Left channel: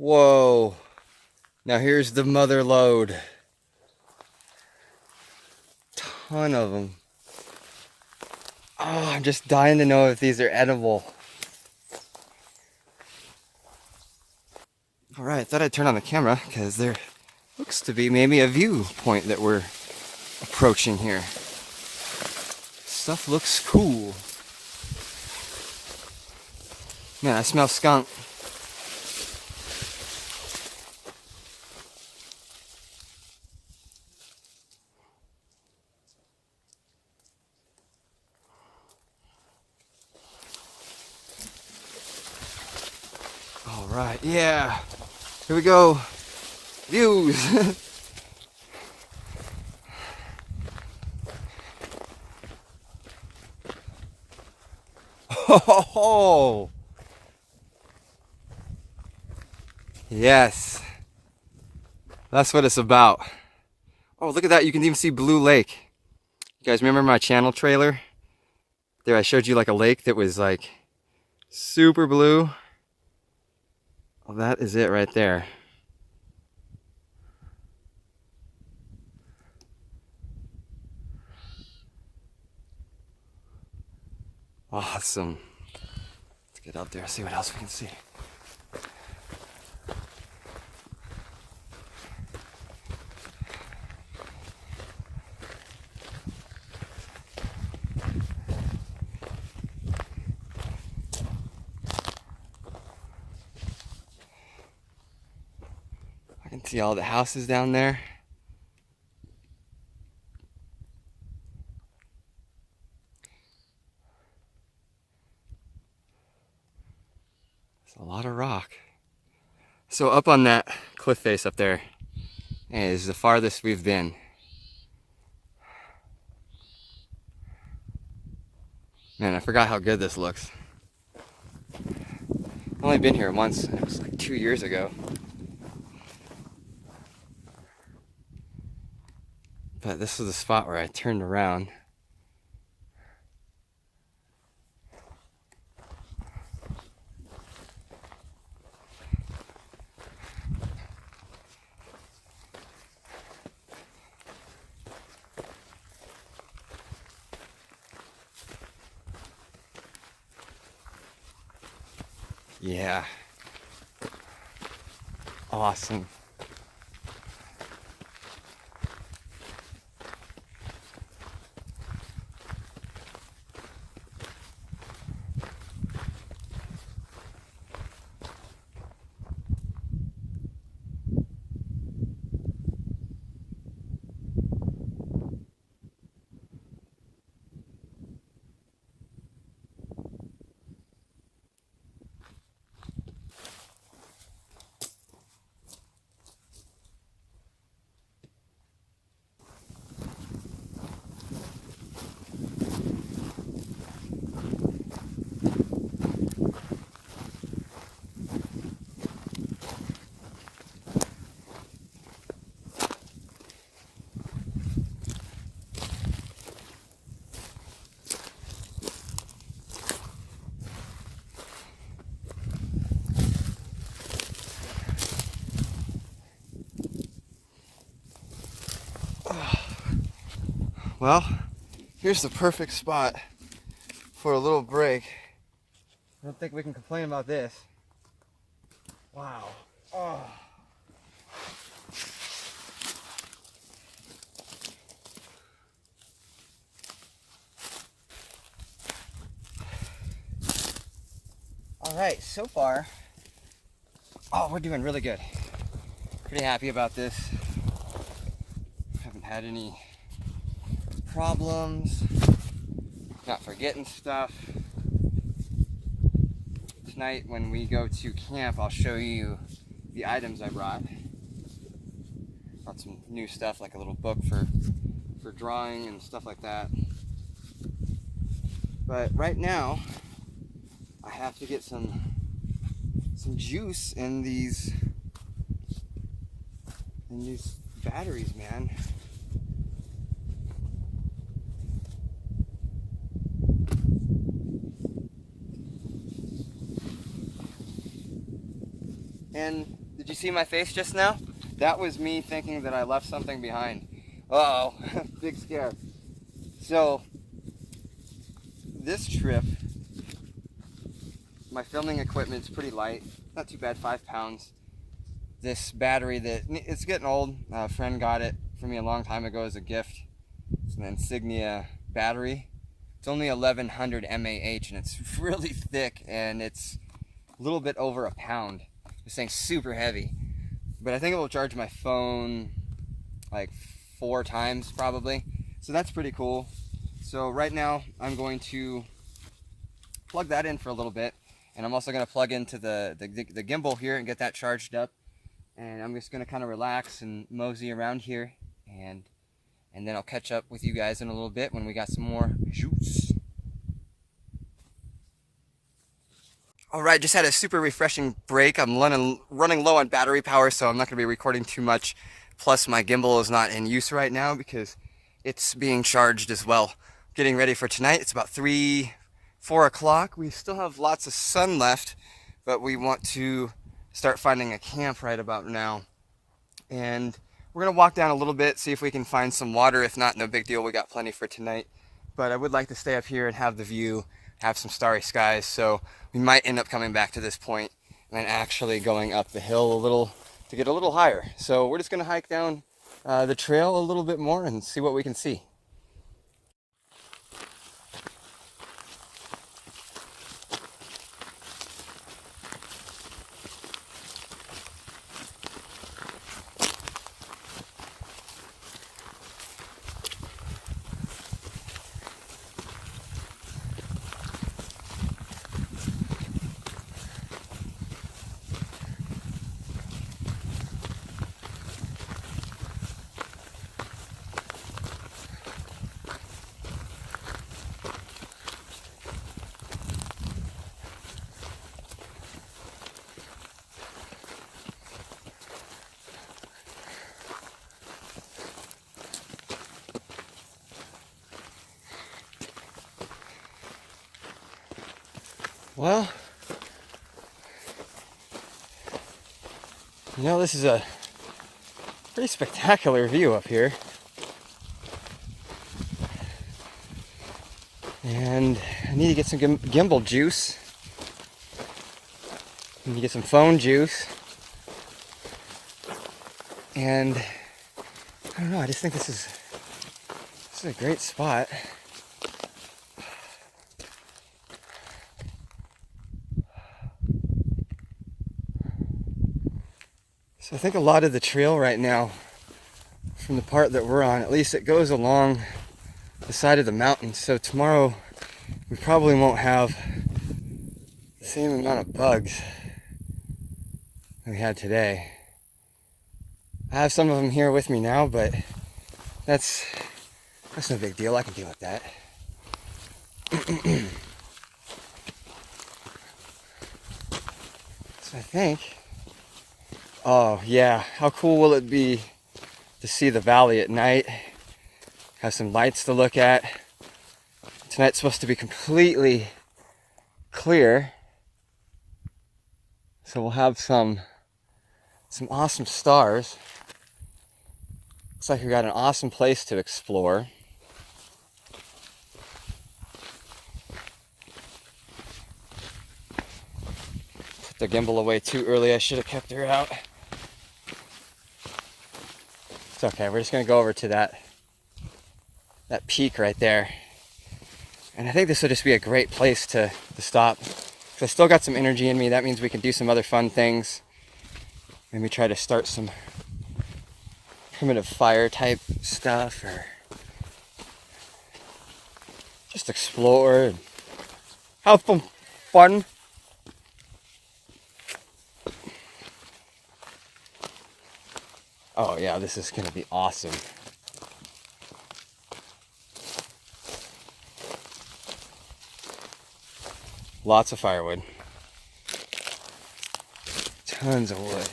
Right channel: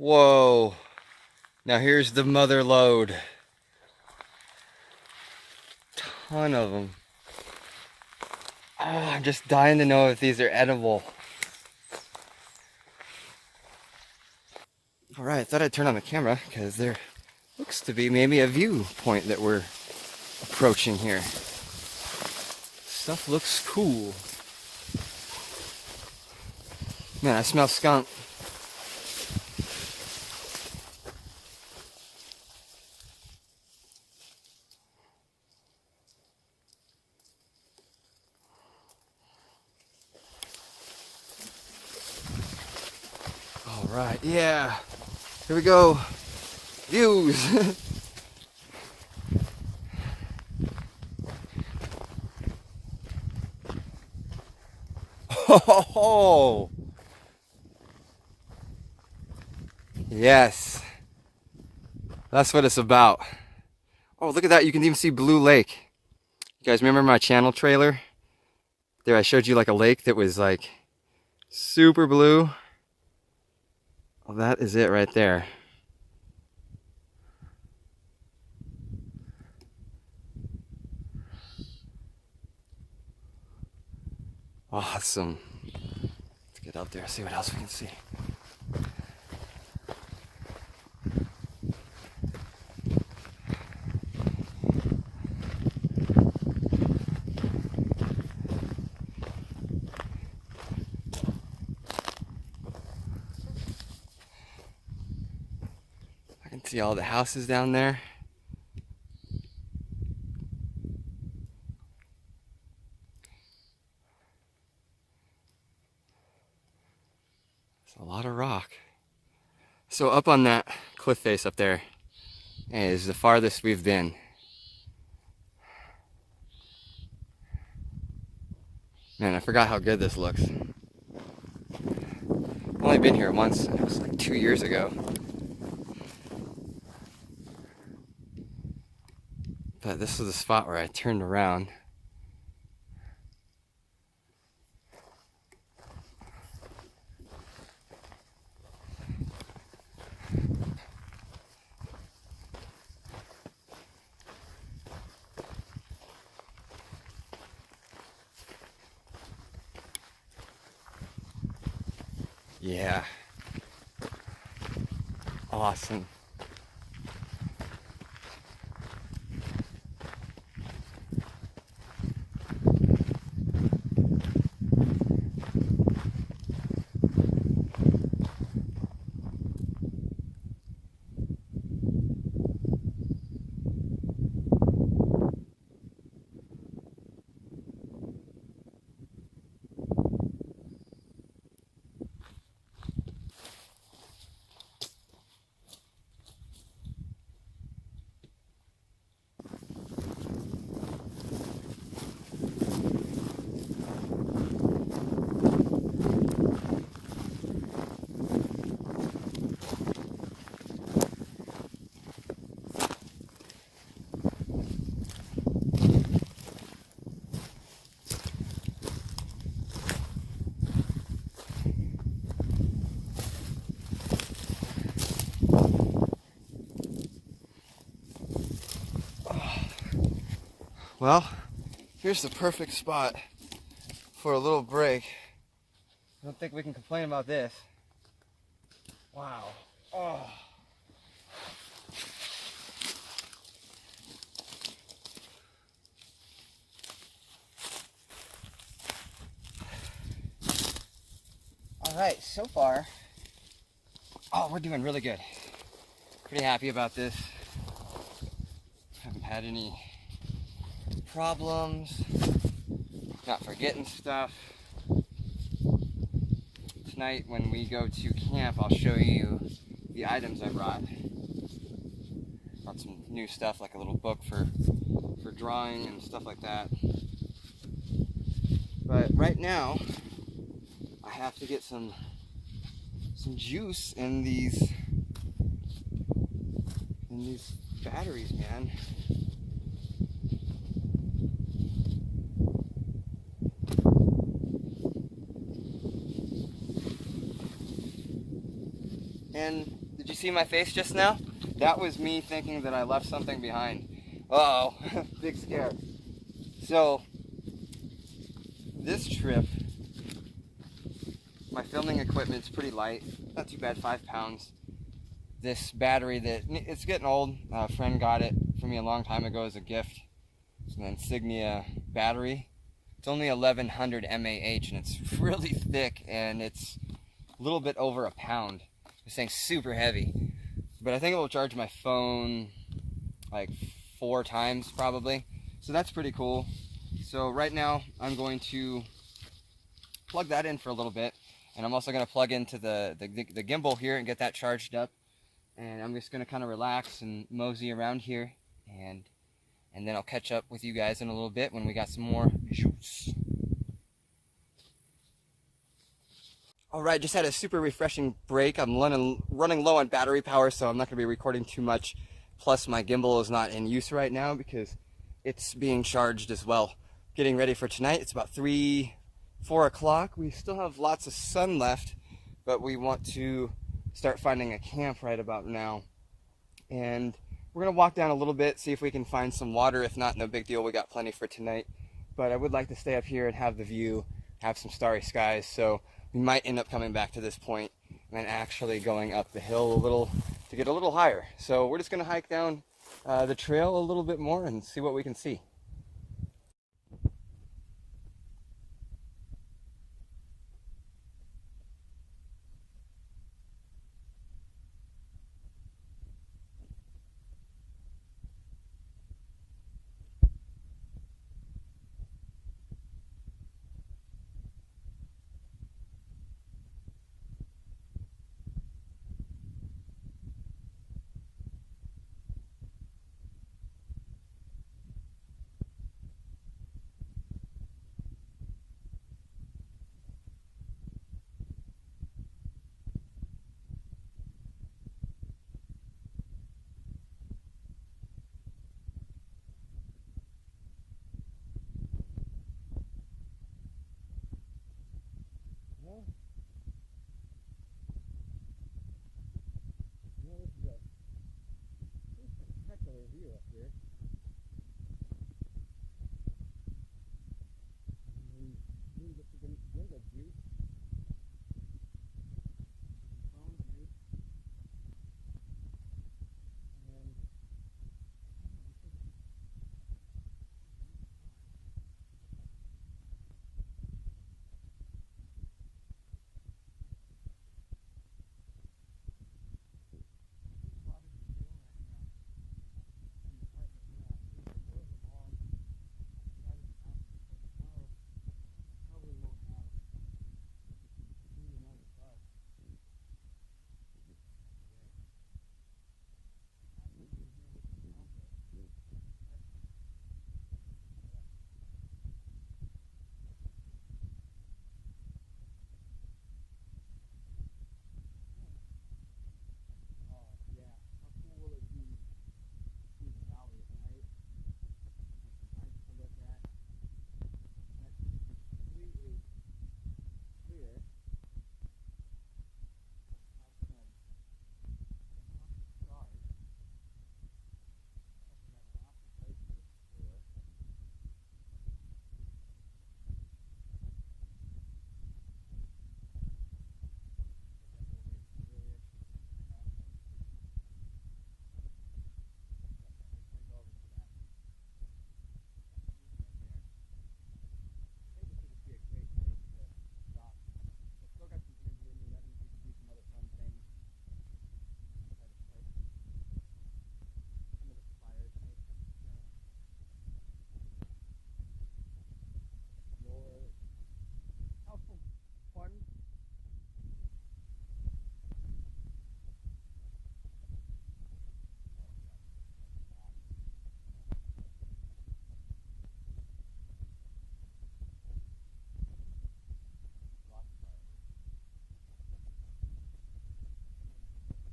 Whoa. Now here's the mother lode. Ton of them. Oh, I'm just dying to know if these are edible. All right, I thought I'd turn on the camera because there looks to be maybe a viewpoint that we're approaching here. Stuff looks cool. Man, I smell skunk. All right, yeah. Here we go. Views. Oh, yes. That's what it's about. Oh, look at that. You can even see Blue Lake. You guys remember my channel trailer? There, I showed you like a lake that was like super blue. Well, that is it right there. Awesome. Let's get out there, see what else we can see. I can see all the houses down there. It's a lot of rock. So up on that cliff face up there is the farthest we've been. Man, I forgot how good this looks. I've only been here once, and it was like 2 years ago. But this was the spot where I turned around. Yeah. Awesome. Well, here's the perfect spot for a little break. I don't think we can complain about this. Wow. Oh. All right, so far, we're doing really good. Pretty happy about this. Haven't had any problems, not forgetting stuff. Tonight when we go to camp, I'll show you the items I brought. Brought some new stuff like a little book for drawing and stuff like that. But right now, I have to get some juice in these batteries, man. And Did you see my face just now? That was me thinking that I left something behind. Uh-oh, big scare. So, this trip, my filming equipment's pretty light. Not too bad, 5 pounds. This battery it's getting old. A friend got it for me a long time ago as a gift. It's an Insignia battery. It's only 1100 mAh and it's really thick and it's a little bit over a pound. This thing's super heavy. But I think it will charge my phone like 4 times probably. So that's pretty cool. So right now I'm going to plug that in for a little bit. And I'm also going to plug into the gimbal here and get that charged up. And I'm just going to kind of relax and mosey around here. And then I'll catch up with you guys in a little bit when we got some more shoots. Alright, just had a super refreshing break. I'm running low on battery power, so I'm not going to be recording too much. Plus my gimbal is not in use right now because it's being charged as well. Getting ready for tonight. It's about 4 o'clock. We still have lots of sun left, but we want to start finding a camp right about now. And we're going to walk down a little bit, see if we can find some water. If not, no big deal. We got plenty for tonight. But I would like to stay up here and have the view, have some starry skies. So we might end up coming back to this point and actually going up the hill a little to get a little higher. So we're just going to hike down the trail a little bit more and see what we can see. Well, you know, this is a pretty spectacular view up here. And I need to get some gimbal juice. I need to get some phone juice. And I don't know, I just think this is a great spot. So I think a lot of the trail right now, from the part that we're on, at least it goes along the side of the mountain. So tomorrow we probably won't have the same amount of bugs that we had today. I have some of them here with me now, but that's no big deal. I can deal with that. So I think, oh yeah, how cool will it be to see the valley at night, have some lights to look at. Tonight's supposed to be completely clear, so we'll have some awesome stars. Looks like we got an awesome place to explore. Put the gimbal away too early. I should have kept her out. It's okay, we're just gonna go over to that peak right there. And I think this will just be a great place to stop. So I still got some energy in me. That means we can do some other fun things. Maybe try to start some primitive fire type stuff, or just explore and have some fun. Oh yeah, this is gonna be awesome. Lots of firewood. Tons of wood.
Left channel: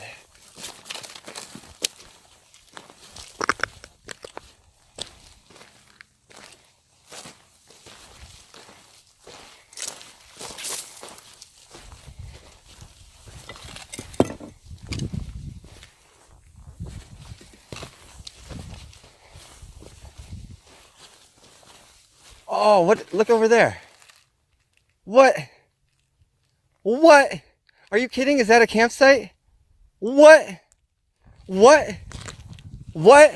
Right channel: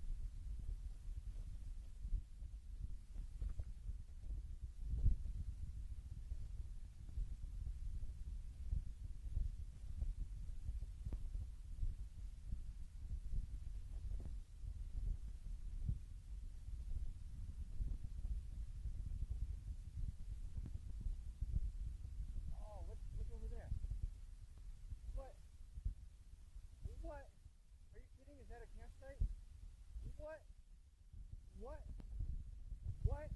Oh, what? Look over there. What? What? Are you kidding? Is that a campsite? What? What? What?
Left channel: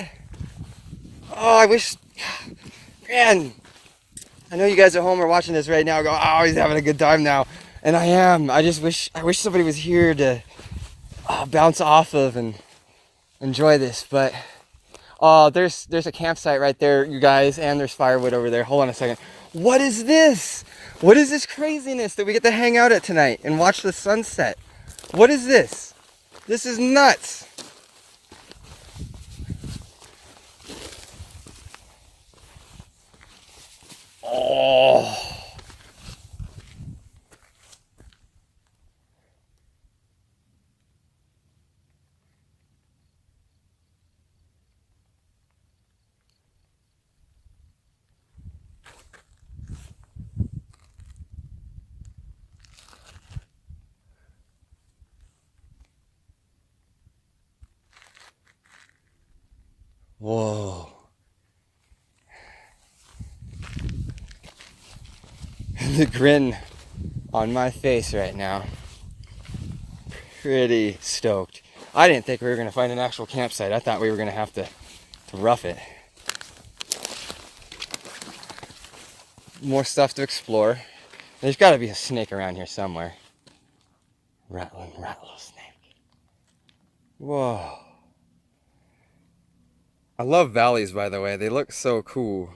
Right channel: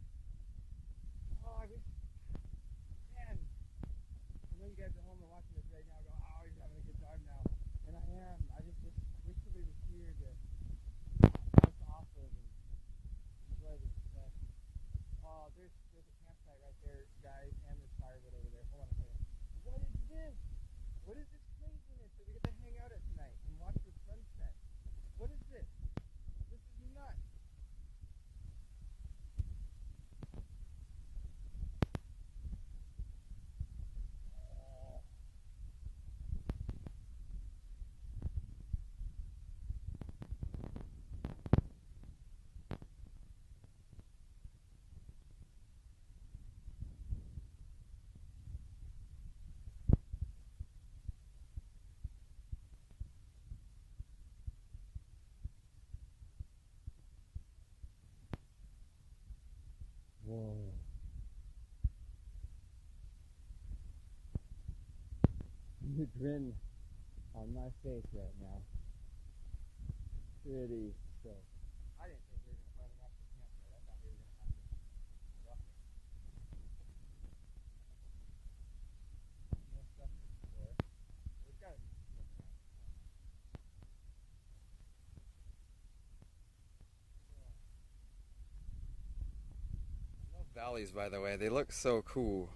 Oh, I wish, man, I know you guys at home are watching this right now, go, oh, he's having a good time now. And I am. I wish somebody was here to bounce off of and enjoy this. But, oh, there's a campsite right there, you guys, and there's firewood over there. Hold on a second. What is this? What is this craziness that we get to hang out at tonight and watch the sunset? What is this? This is nuts. Oh. Whoa. The grin on my face right now. Pretty stoked. I didn't think we were going to find an actual campsite. I thought we were going to have to rough it. More stuff to explore. There's got to be a snake around here somewhere. Rattling rattlesnake. Whoa. I love valleys, by the way. They look so cool.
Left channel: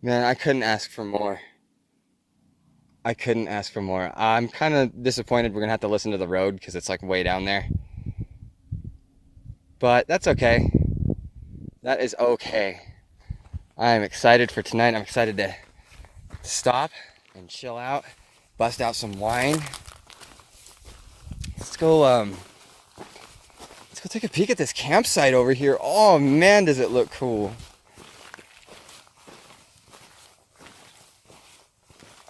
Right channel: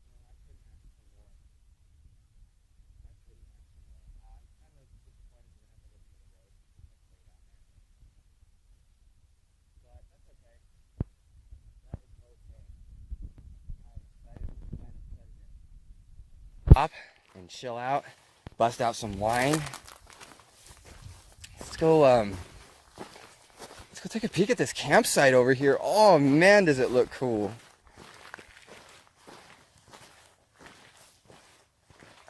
Man, I couldn't ask for more. I couldn't ask for more. I'm kind of disappointed we're going to have to listen to the road because it's like way down there. But that's okay. That is okay. I'm excited for tonight. I'm excited to stop and chill out, bust out some wine. Let's go take a peek at this campsite over here. Oh man, does it look cool.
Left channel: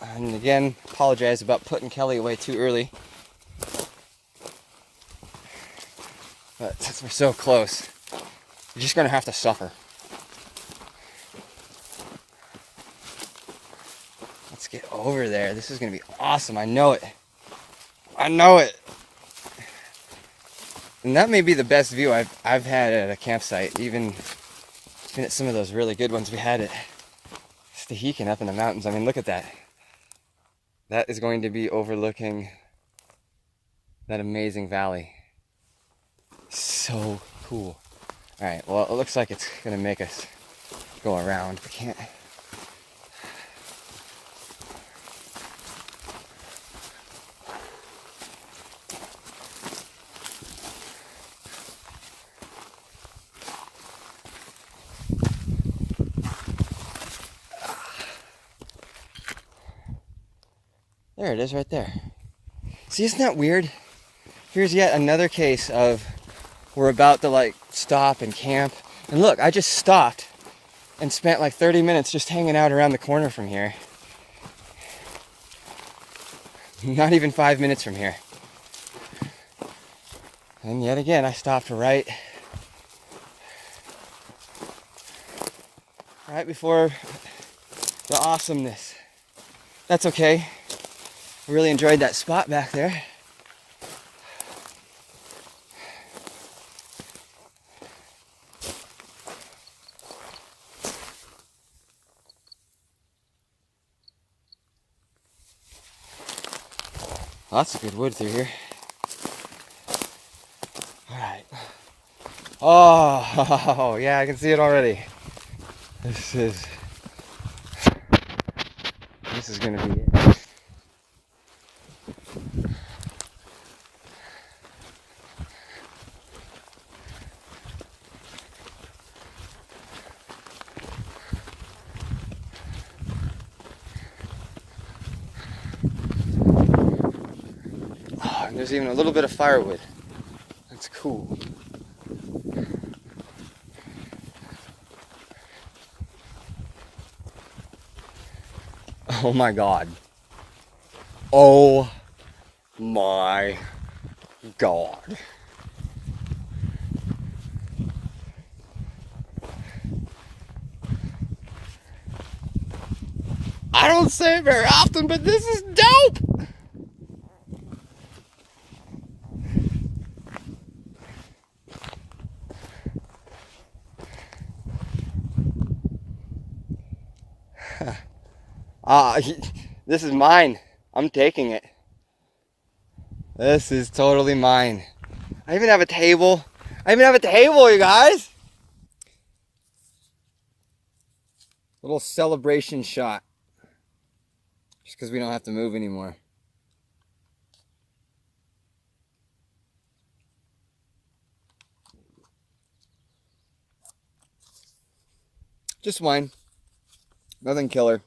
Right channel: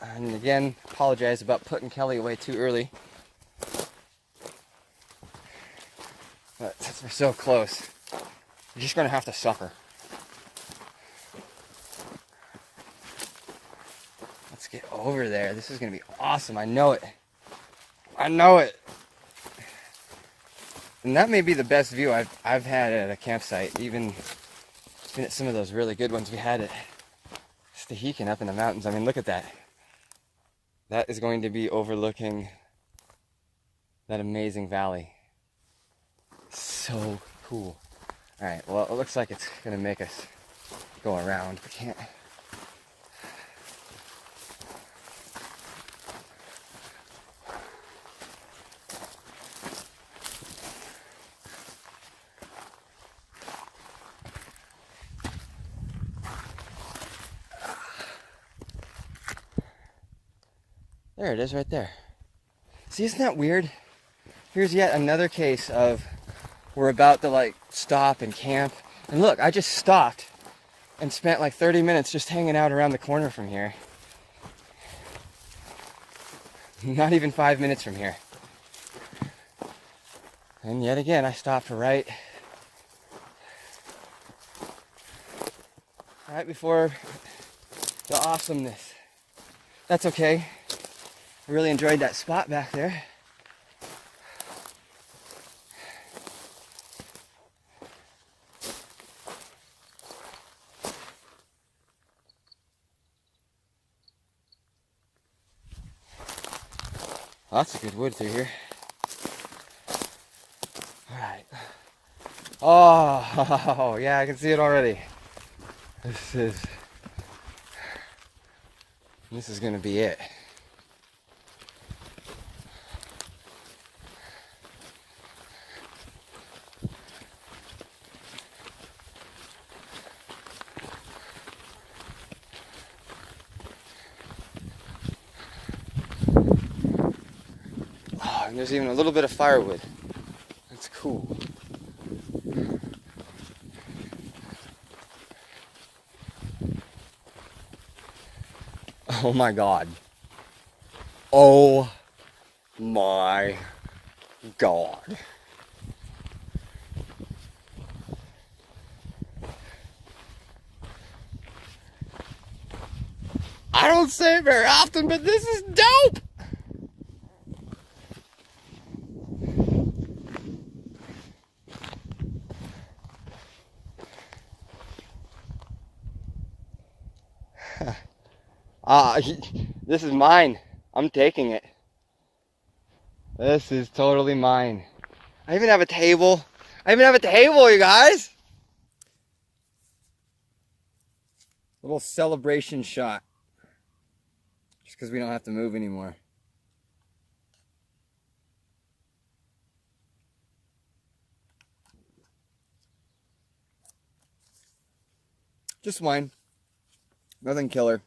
And again, apologize about putting Kelly away too early. But since we're so close, we're just gonna have to suffer. Let's get over there. This is gonna be awesome. I know it. I know it. And that may be the best view I've had at a campsite, even at some of those really good ones we had at Stehekin up in the mountains. I mean, look at that. That is going to be overlooking that amazing valley. So cool. All right, well, it looks like it's gonna make us go around. We can't. There it is right there. See, isn't that weird? Here's yet another case of we're about to like stop and camp. And look, I just stopped and spent like 30 minutes just hanging out around the corner from here. Not even 5 minutes from here. And yet again, I stopped right before the awesomeness. That's okay. I really enjoyed that spot back there. Lots of good wood through here. All right. Oh, yeah, I can see it already. This is gonna be it. And there's even a little bit of firewood. That's cool. Oh my God. Oh my God. I don't say it very often, but this is dope. This is mine. I'm taking it. This is totally mine. I even have a table. You guys. Little celebration shot. Just because we don't have to move anymore. Just wine. Nothing killer.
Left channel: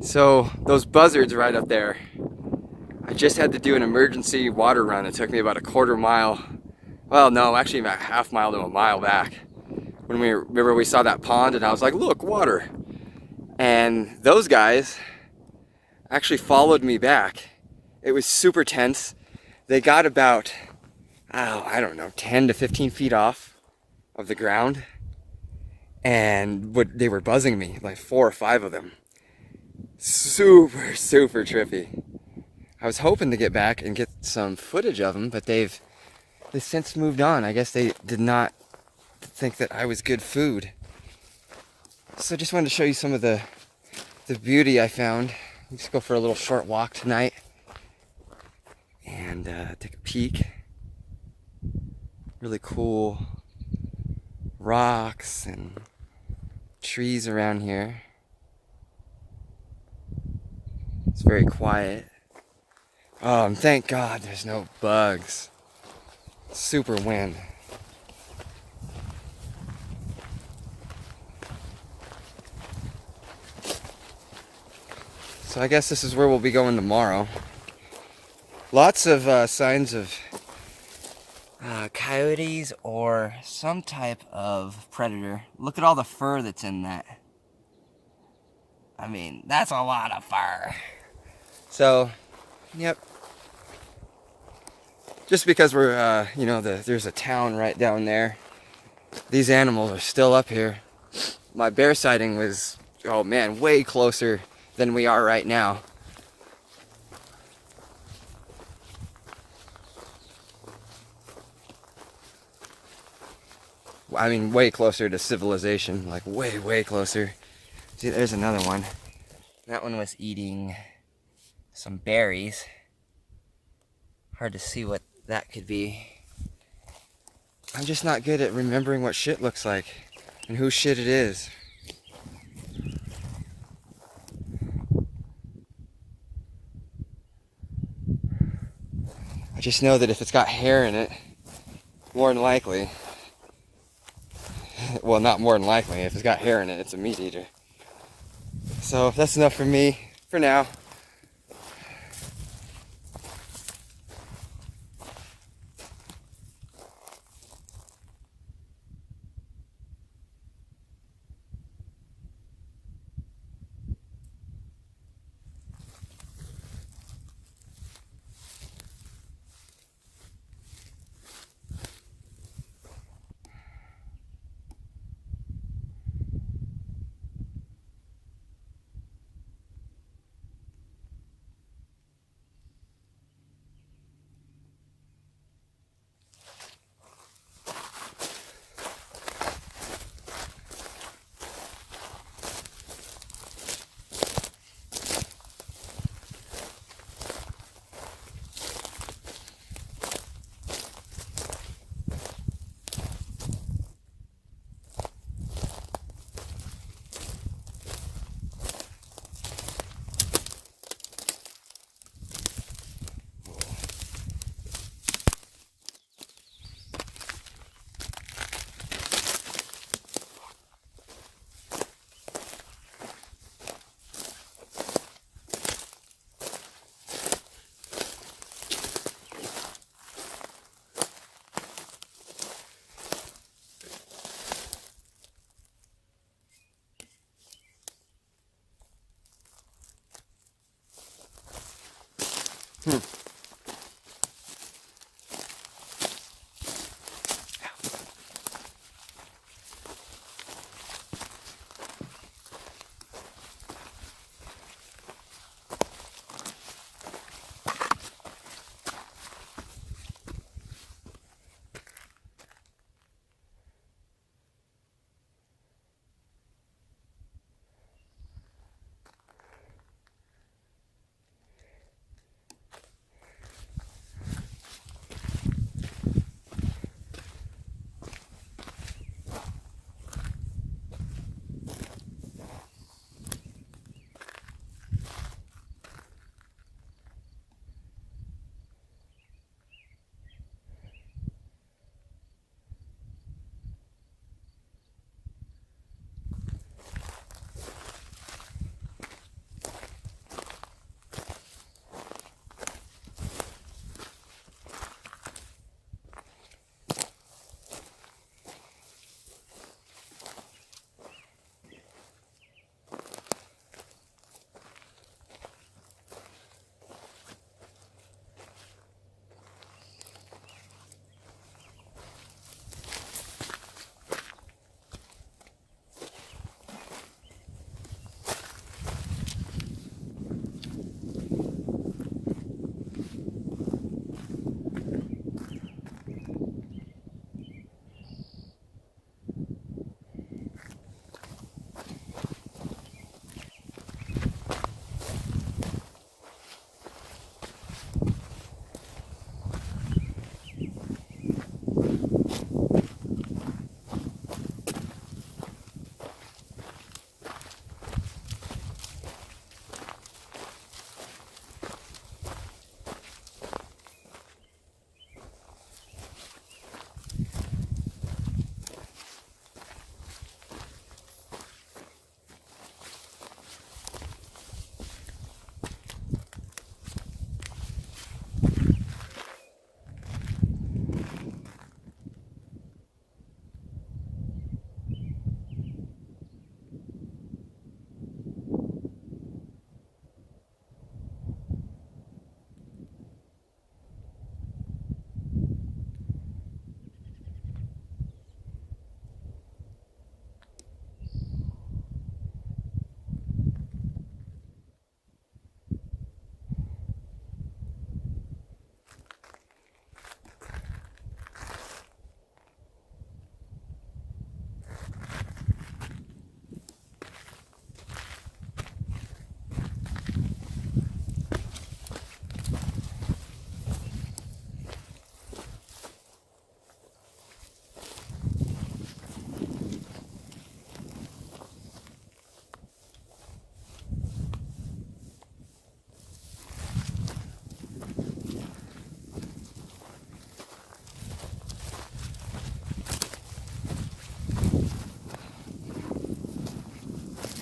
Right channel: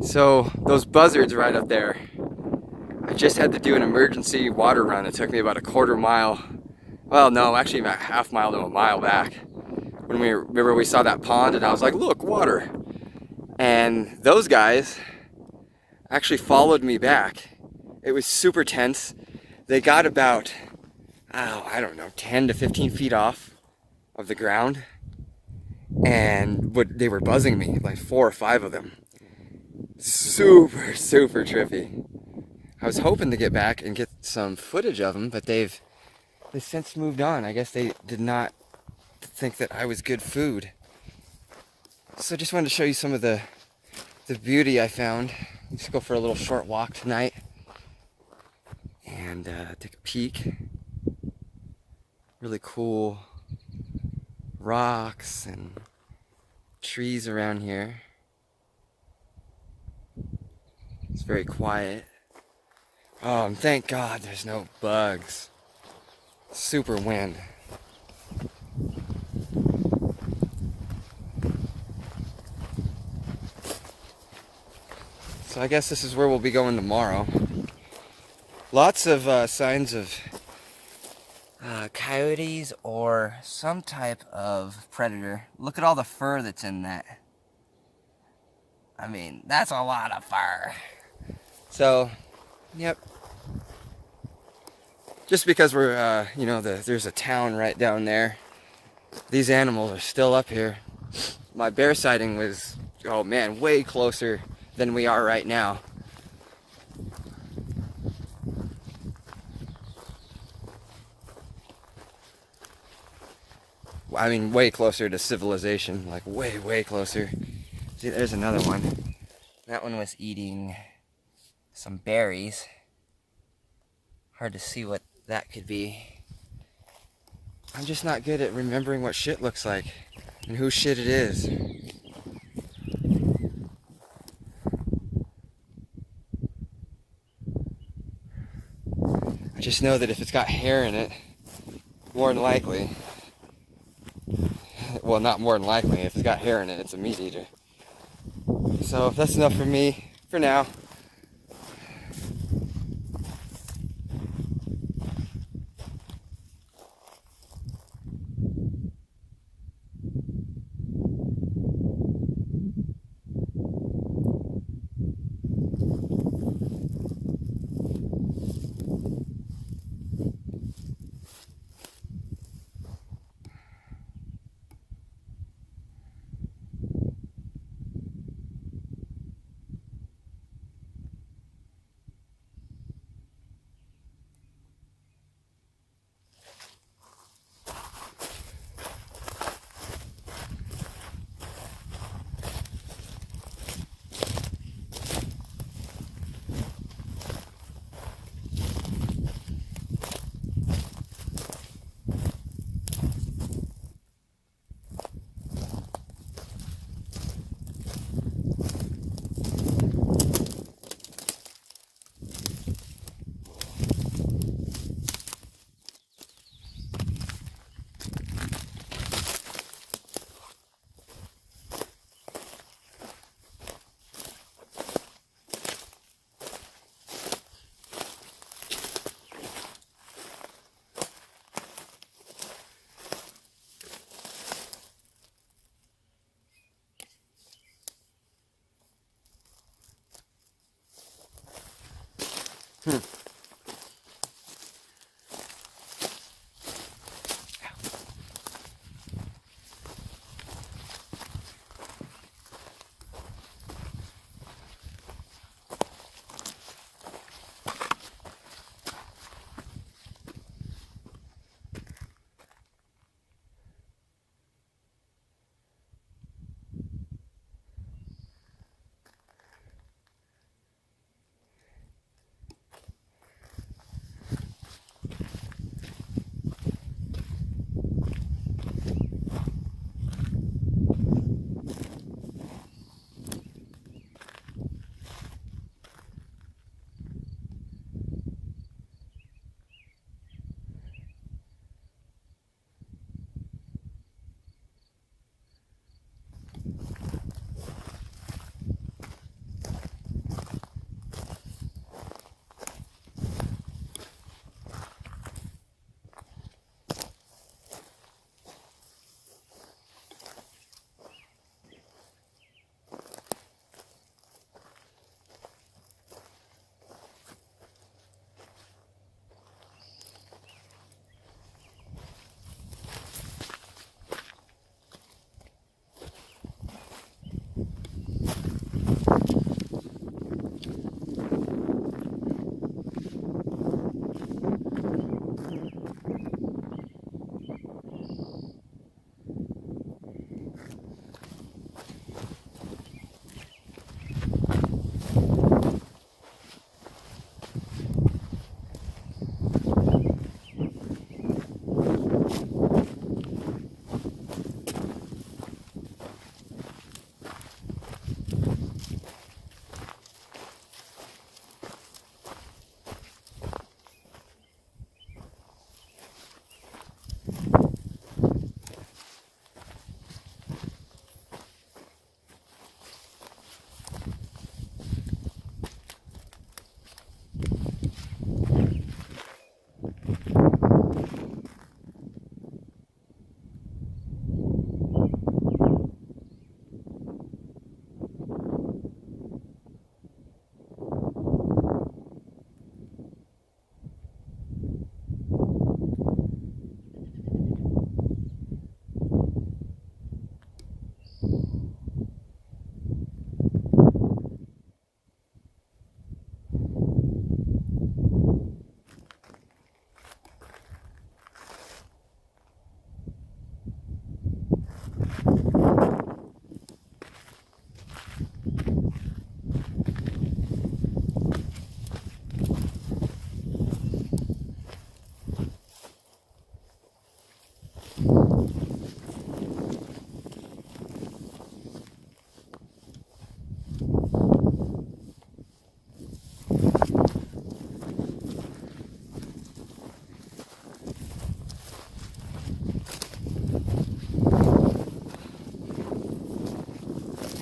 So those buzzards right up there, I just had to do an emergency water run. It took me about a quarter mile. Well, no, actually about half mile to a mile back. When we saw that pond and I was like, look, water. And those guys actually followed me back. It was super tense. They got about, I don't know, 10 to 15 feet off of the ground. And they were buzzing me, like 4 or 5 of them. Super, super trippy. I was hoping to get back and get some footage of them, but they've since moved on. I guess they did not think that I was good food. So I just wanted to show you some of the beauty I found. Let's go for a little short walk tonight and take a peek. Really cool rocks and trees around here. It's very quiet. And thank God there's no bugs. Super wind. So I guess this is where we'll be going tomorrow. Lots of signs of coyotes or some type of predator. Look at all the fur that's in that. I mean, that's a lot of fur. So, yep. Just because we're, there's a town right down there. These animals are still up here. My bear sighting was, oh man, way closer than we are right now. I mean, way closer to civilization, like way, way closer. See, there's another one. That one was eating some berries. Hard to see what that could be. I'm just not good at remembering what shit looks like and whose shit it is. I just know that if it's got hair in it, more than likely, well, not more than likely, if it's got hair in it, it's a meat eater. So that's enough for me for now.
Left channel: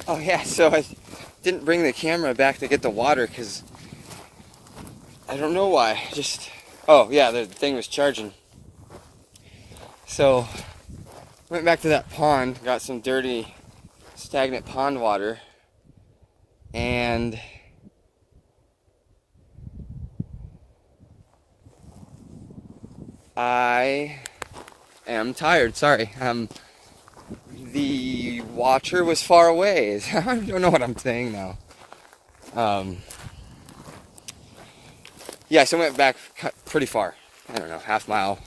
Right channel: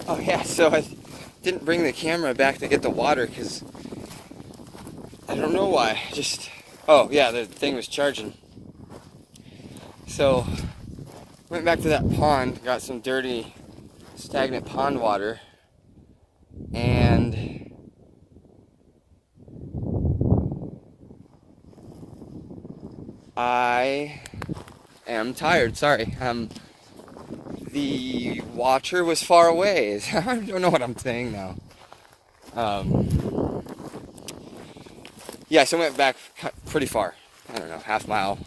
Oh yeah, so I didn't bring the camera back to get the water because I don't know why. Just, oh yeah, the thing was charging. So went back to that pond, got some dirty, stagnant pond water, and I am tired. Sorry. The watcher was far away. I don't know what I'm saying now. Yeah, so I went back pretty far. I don't know, half mile.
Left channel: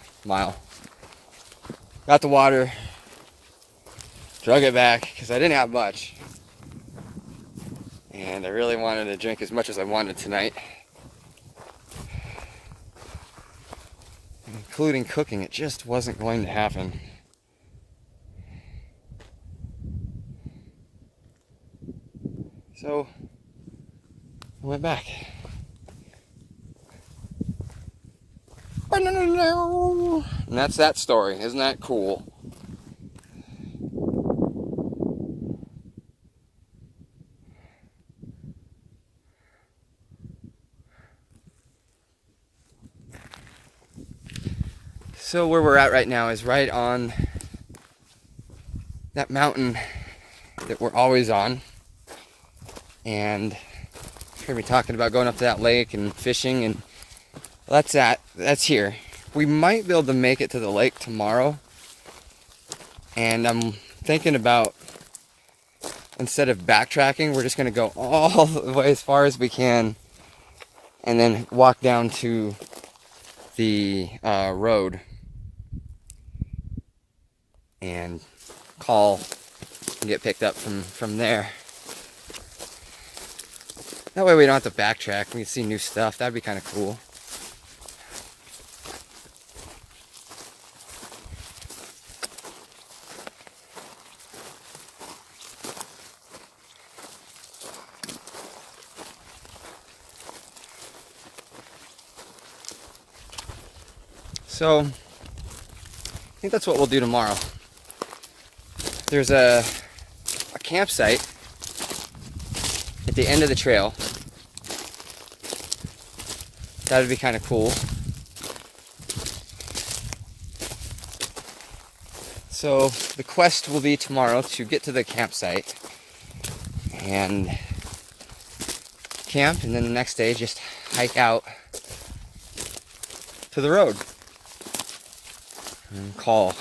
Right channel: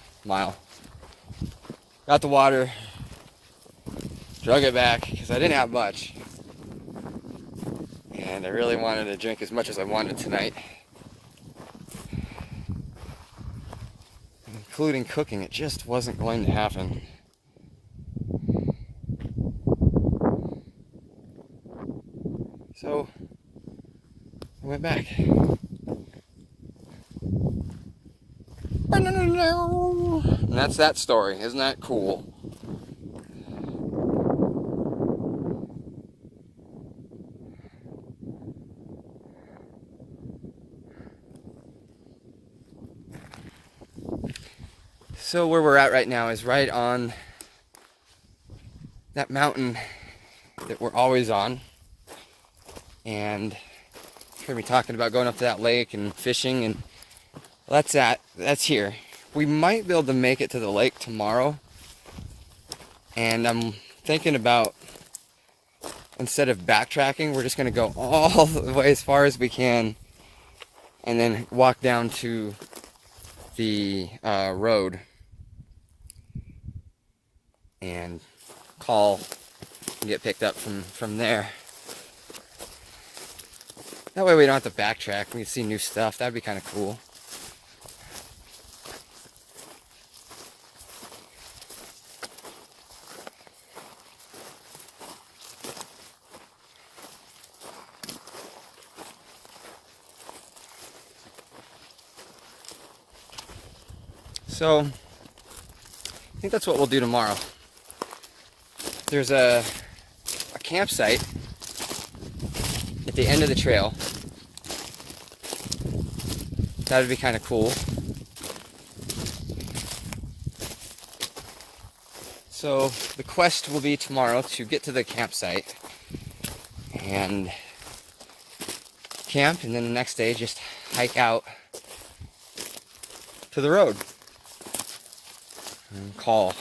Got the water, drug it back because I didn't have much. And I really wanted to drink as much as I wanted tonight. Including cooking, it just wasn't going to happen. So I went back. And that's that story. Isn't that cool? So where we're at right now is right on that mountain that we're always on. And heard me talking about going up to that lake and fishing, and that's here. We might be able to make it to the lake tomorrow, and I'm thinking about, instead of backtracking, we're just going to go all the way as far as we can and then walk down to the road and call and get picked up from there. That way we don't have to backtrack. We can see new stuff. That'd be kind of cool. So, I think that's what we'll do tomorrow. There's a campsite at the end of the trail. That would be kind of cool. So the quest will be tomorrow to get to the campsite and camp, and then the next day just hike out to the road and call.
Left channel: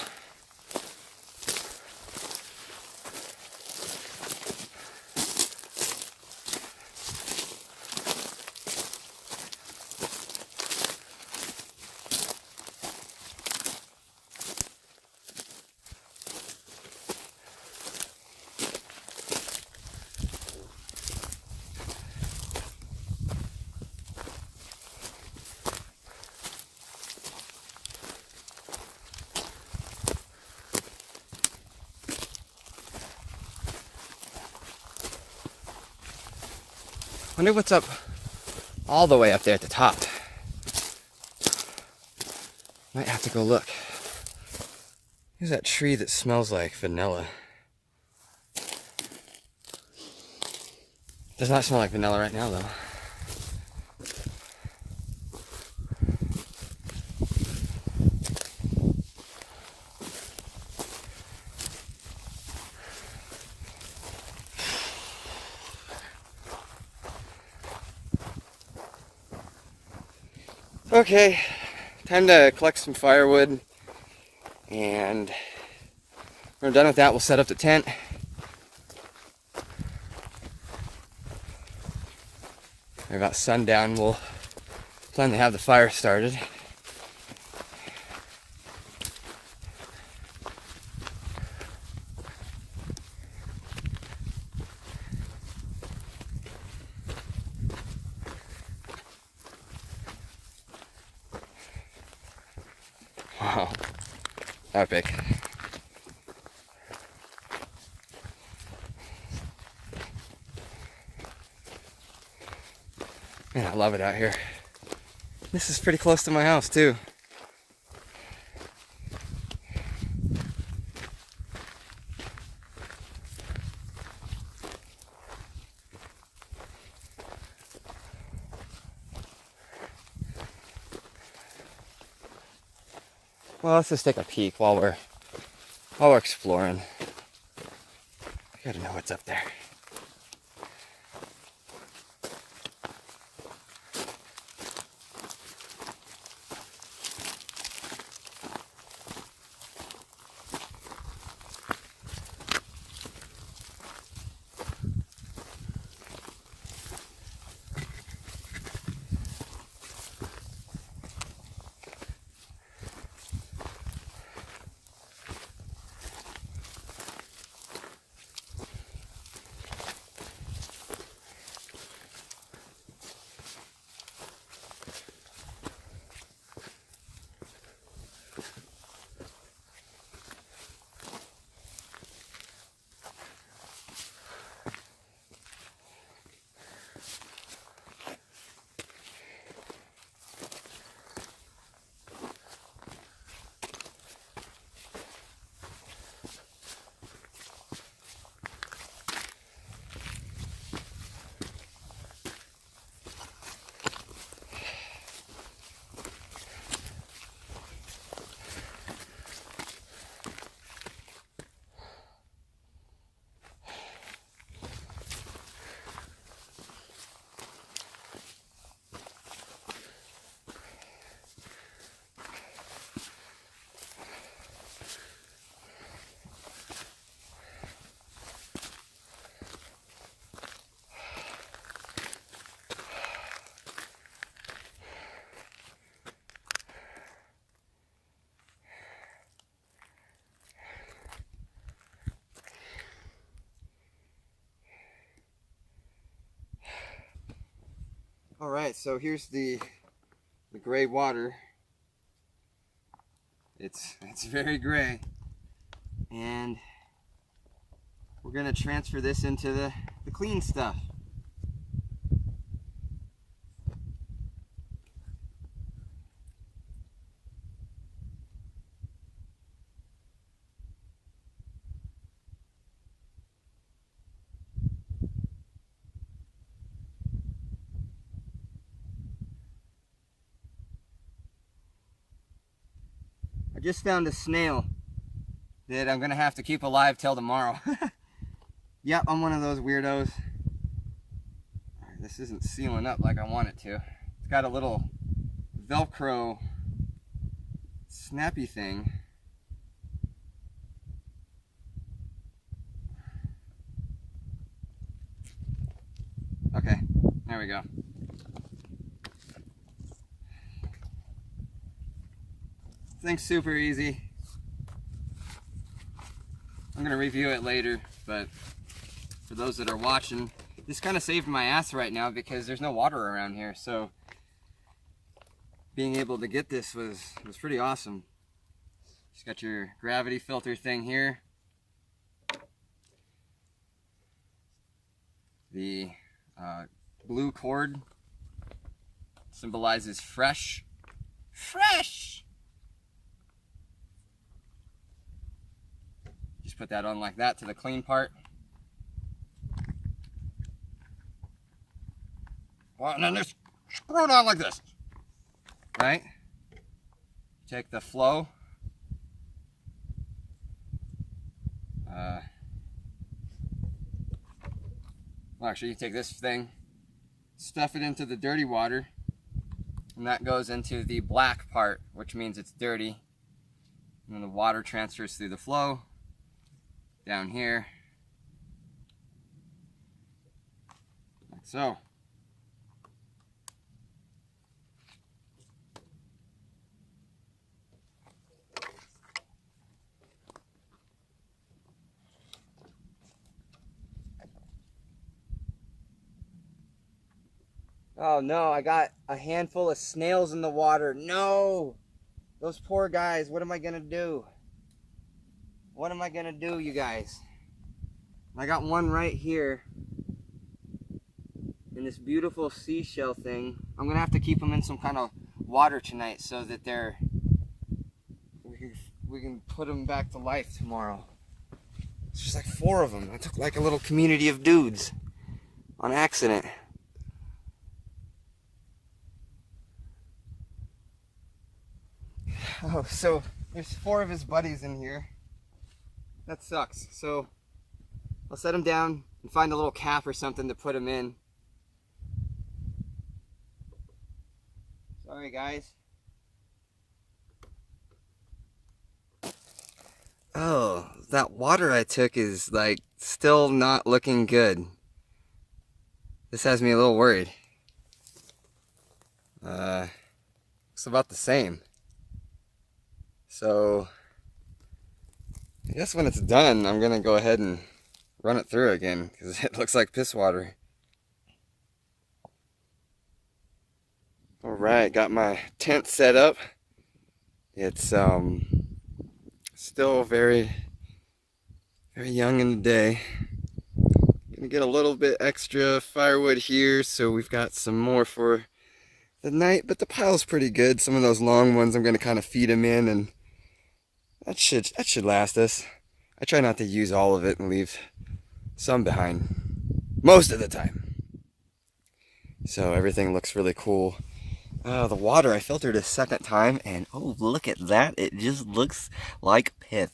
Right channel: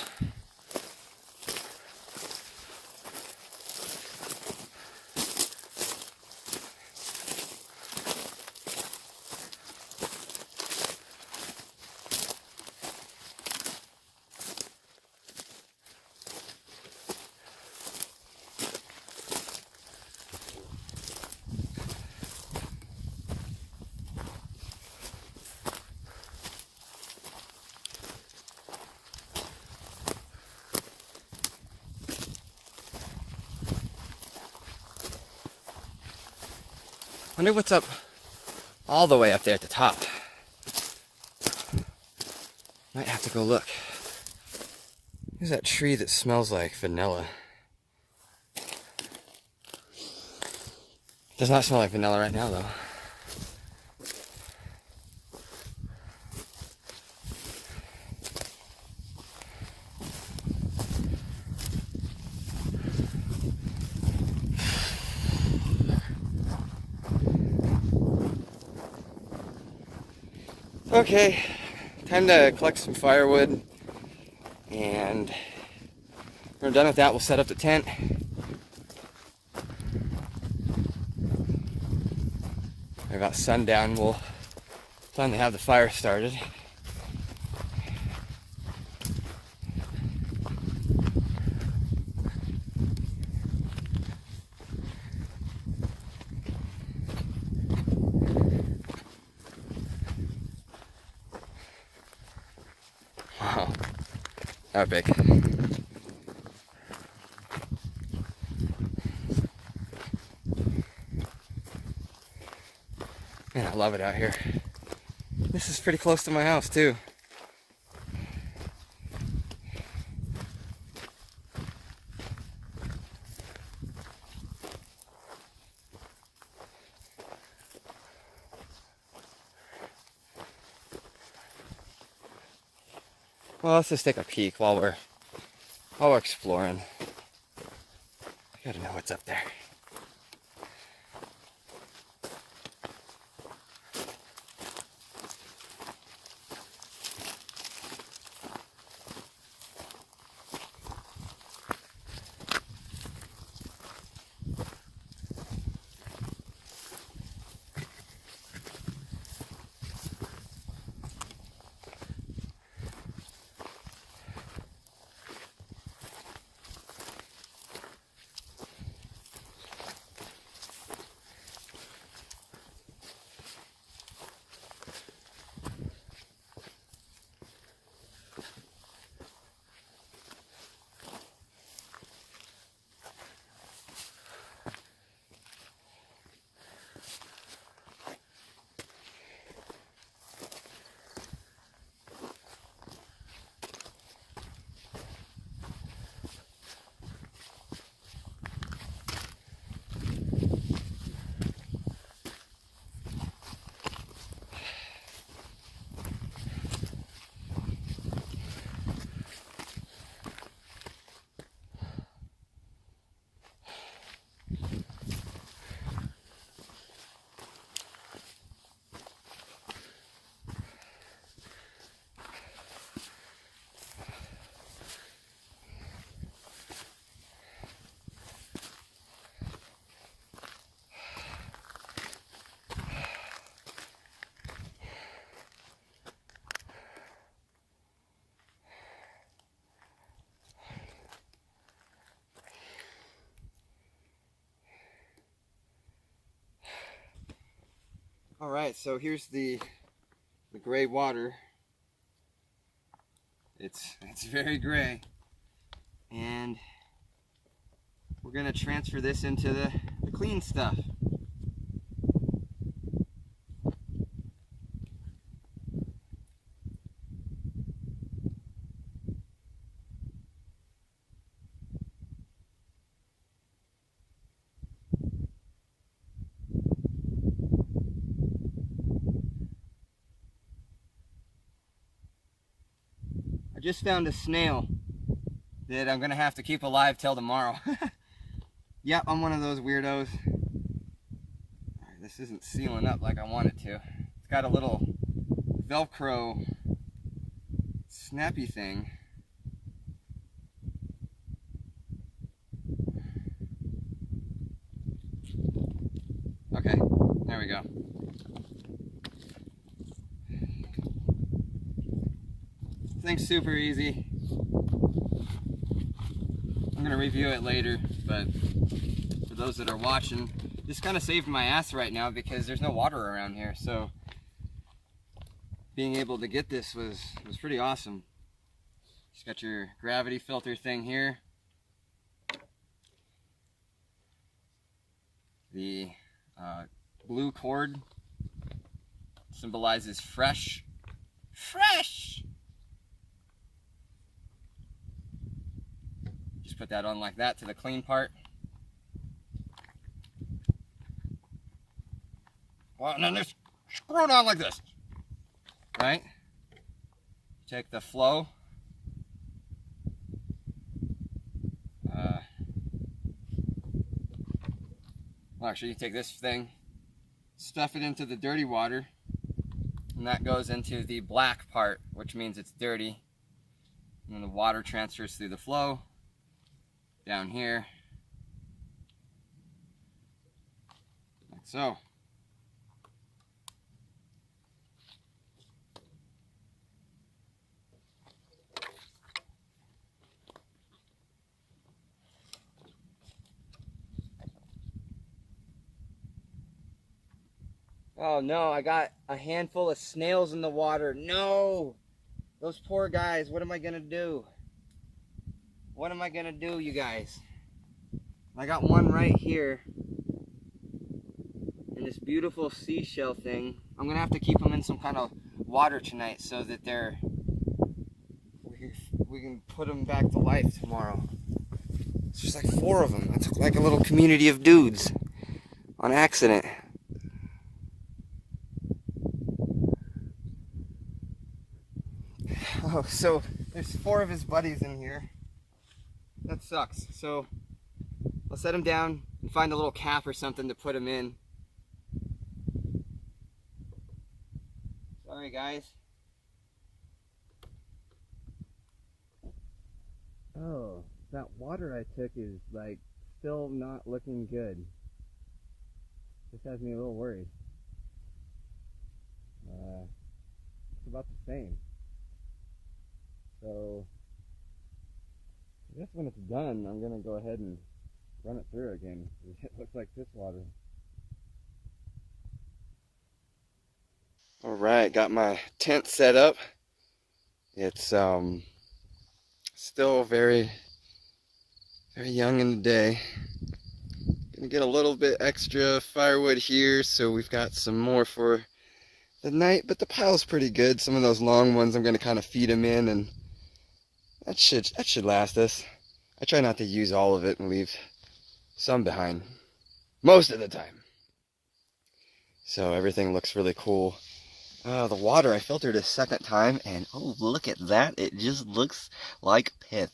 Wonder what's up all the way up there at the top. Might have to go look. There's that tree that smells like vanilla. Does not smell like vanilla right now though. Okay, time to collect some firewood, and when we're done with that, we'll set up the tent. At about sundown, we'll plan to have the fire started. Wow, epic. Man, I love it out here. This is pretty close to my house too. Well, let's just take a peek while we're exploring. I gotta know what's up there. All right, so here's the gray water. It's very gray, and we're gonna transfer this into the clean stuff. I just found a snail that I'm gonna have to keep alive till tomorrow. Yep, I'm one of those weirdos. This isn't sealing up like I want it to. It's got a little Velcro snappy thing. Okay, there we go. This thing's super easy. I'm gonna review it later, but for those that are watching, this kind of saved my ass right now because there's no water around here, so being able to get this was pretty awesome. Just got your gravity filter thing here. The blue cord symbolizes fresh. Fresh! Just put that on like that to the clean part. Well, and then just screw it on like this. Right? Take the flow. Well, actually, you take this thing, stuff it into the dirty water, and that goes into the black part, which means it's dirty. And then the water transfers through the flow down here, like so. Oh no, I got a handful of snails in the water. No! Those poor guys, what am I gonna do? What am I gonna do, you guys? I got one right here. And this beautiful seashell thing. I'm gonna have to keep them in some kind of water tonight so that we can put them back to life tomorrow. It's just like 4 of them. I took like a little community of dudes on accident. Oh, so there's 4 of his buddies in here. That sucks. So I'll set him down and find a little cap or something to put him in. Sorry, guys. Oh, that water I took is like still not looking good. This has me a little worried. It's about the same. So I guess when it's done, I'm gonna go ahead and run it through again because it looks like piss water. All right, got my tent set up. It's still very young in the day. Gonna get a little bit extra firewood here, so we've got some more for the night, but the pile's pretty good. Some of those long ones I'm gonna kind of feed them in, and that should last us. I try not to use all of it and leave some behind most of the time. So everything looks really cool. The water I filtered a second time, and oh, look at that. It just looks like pith.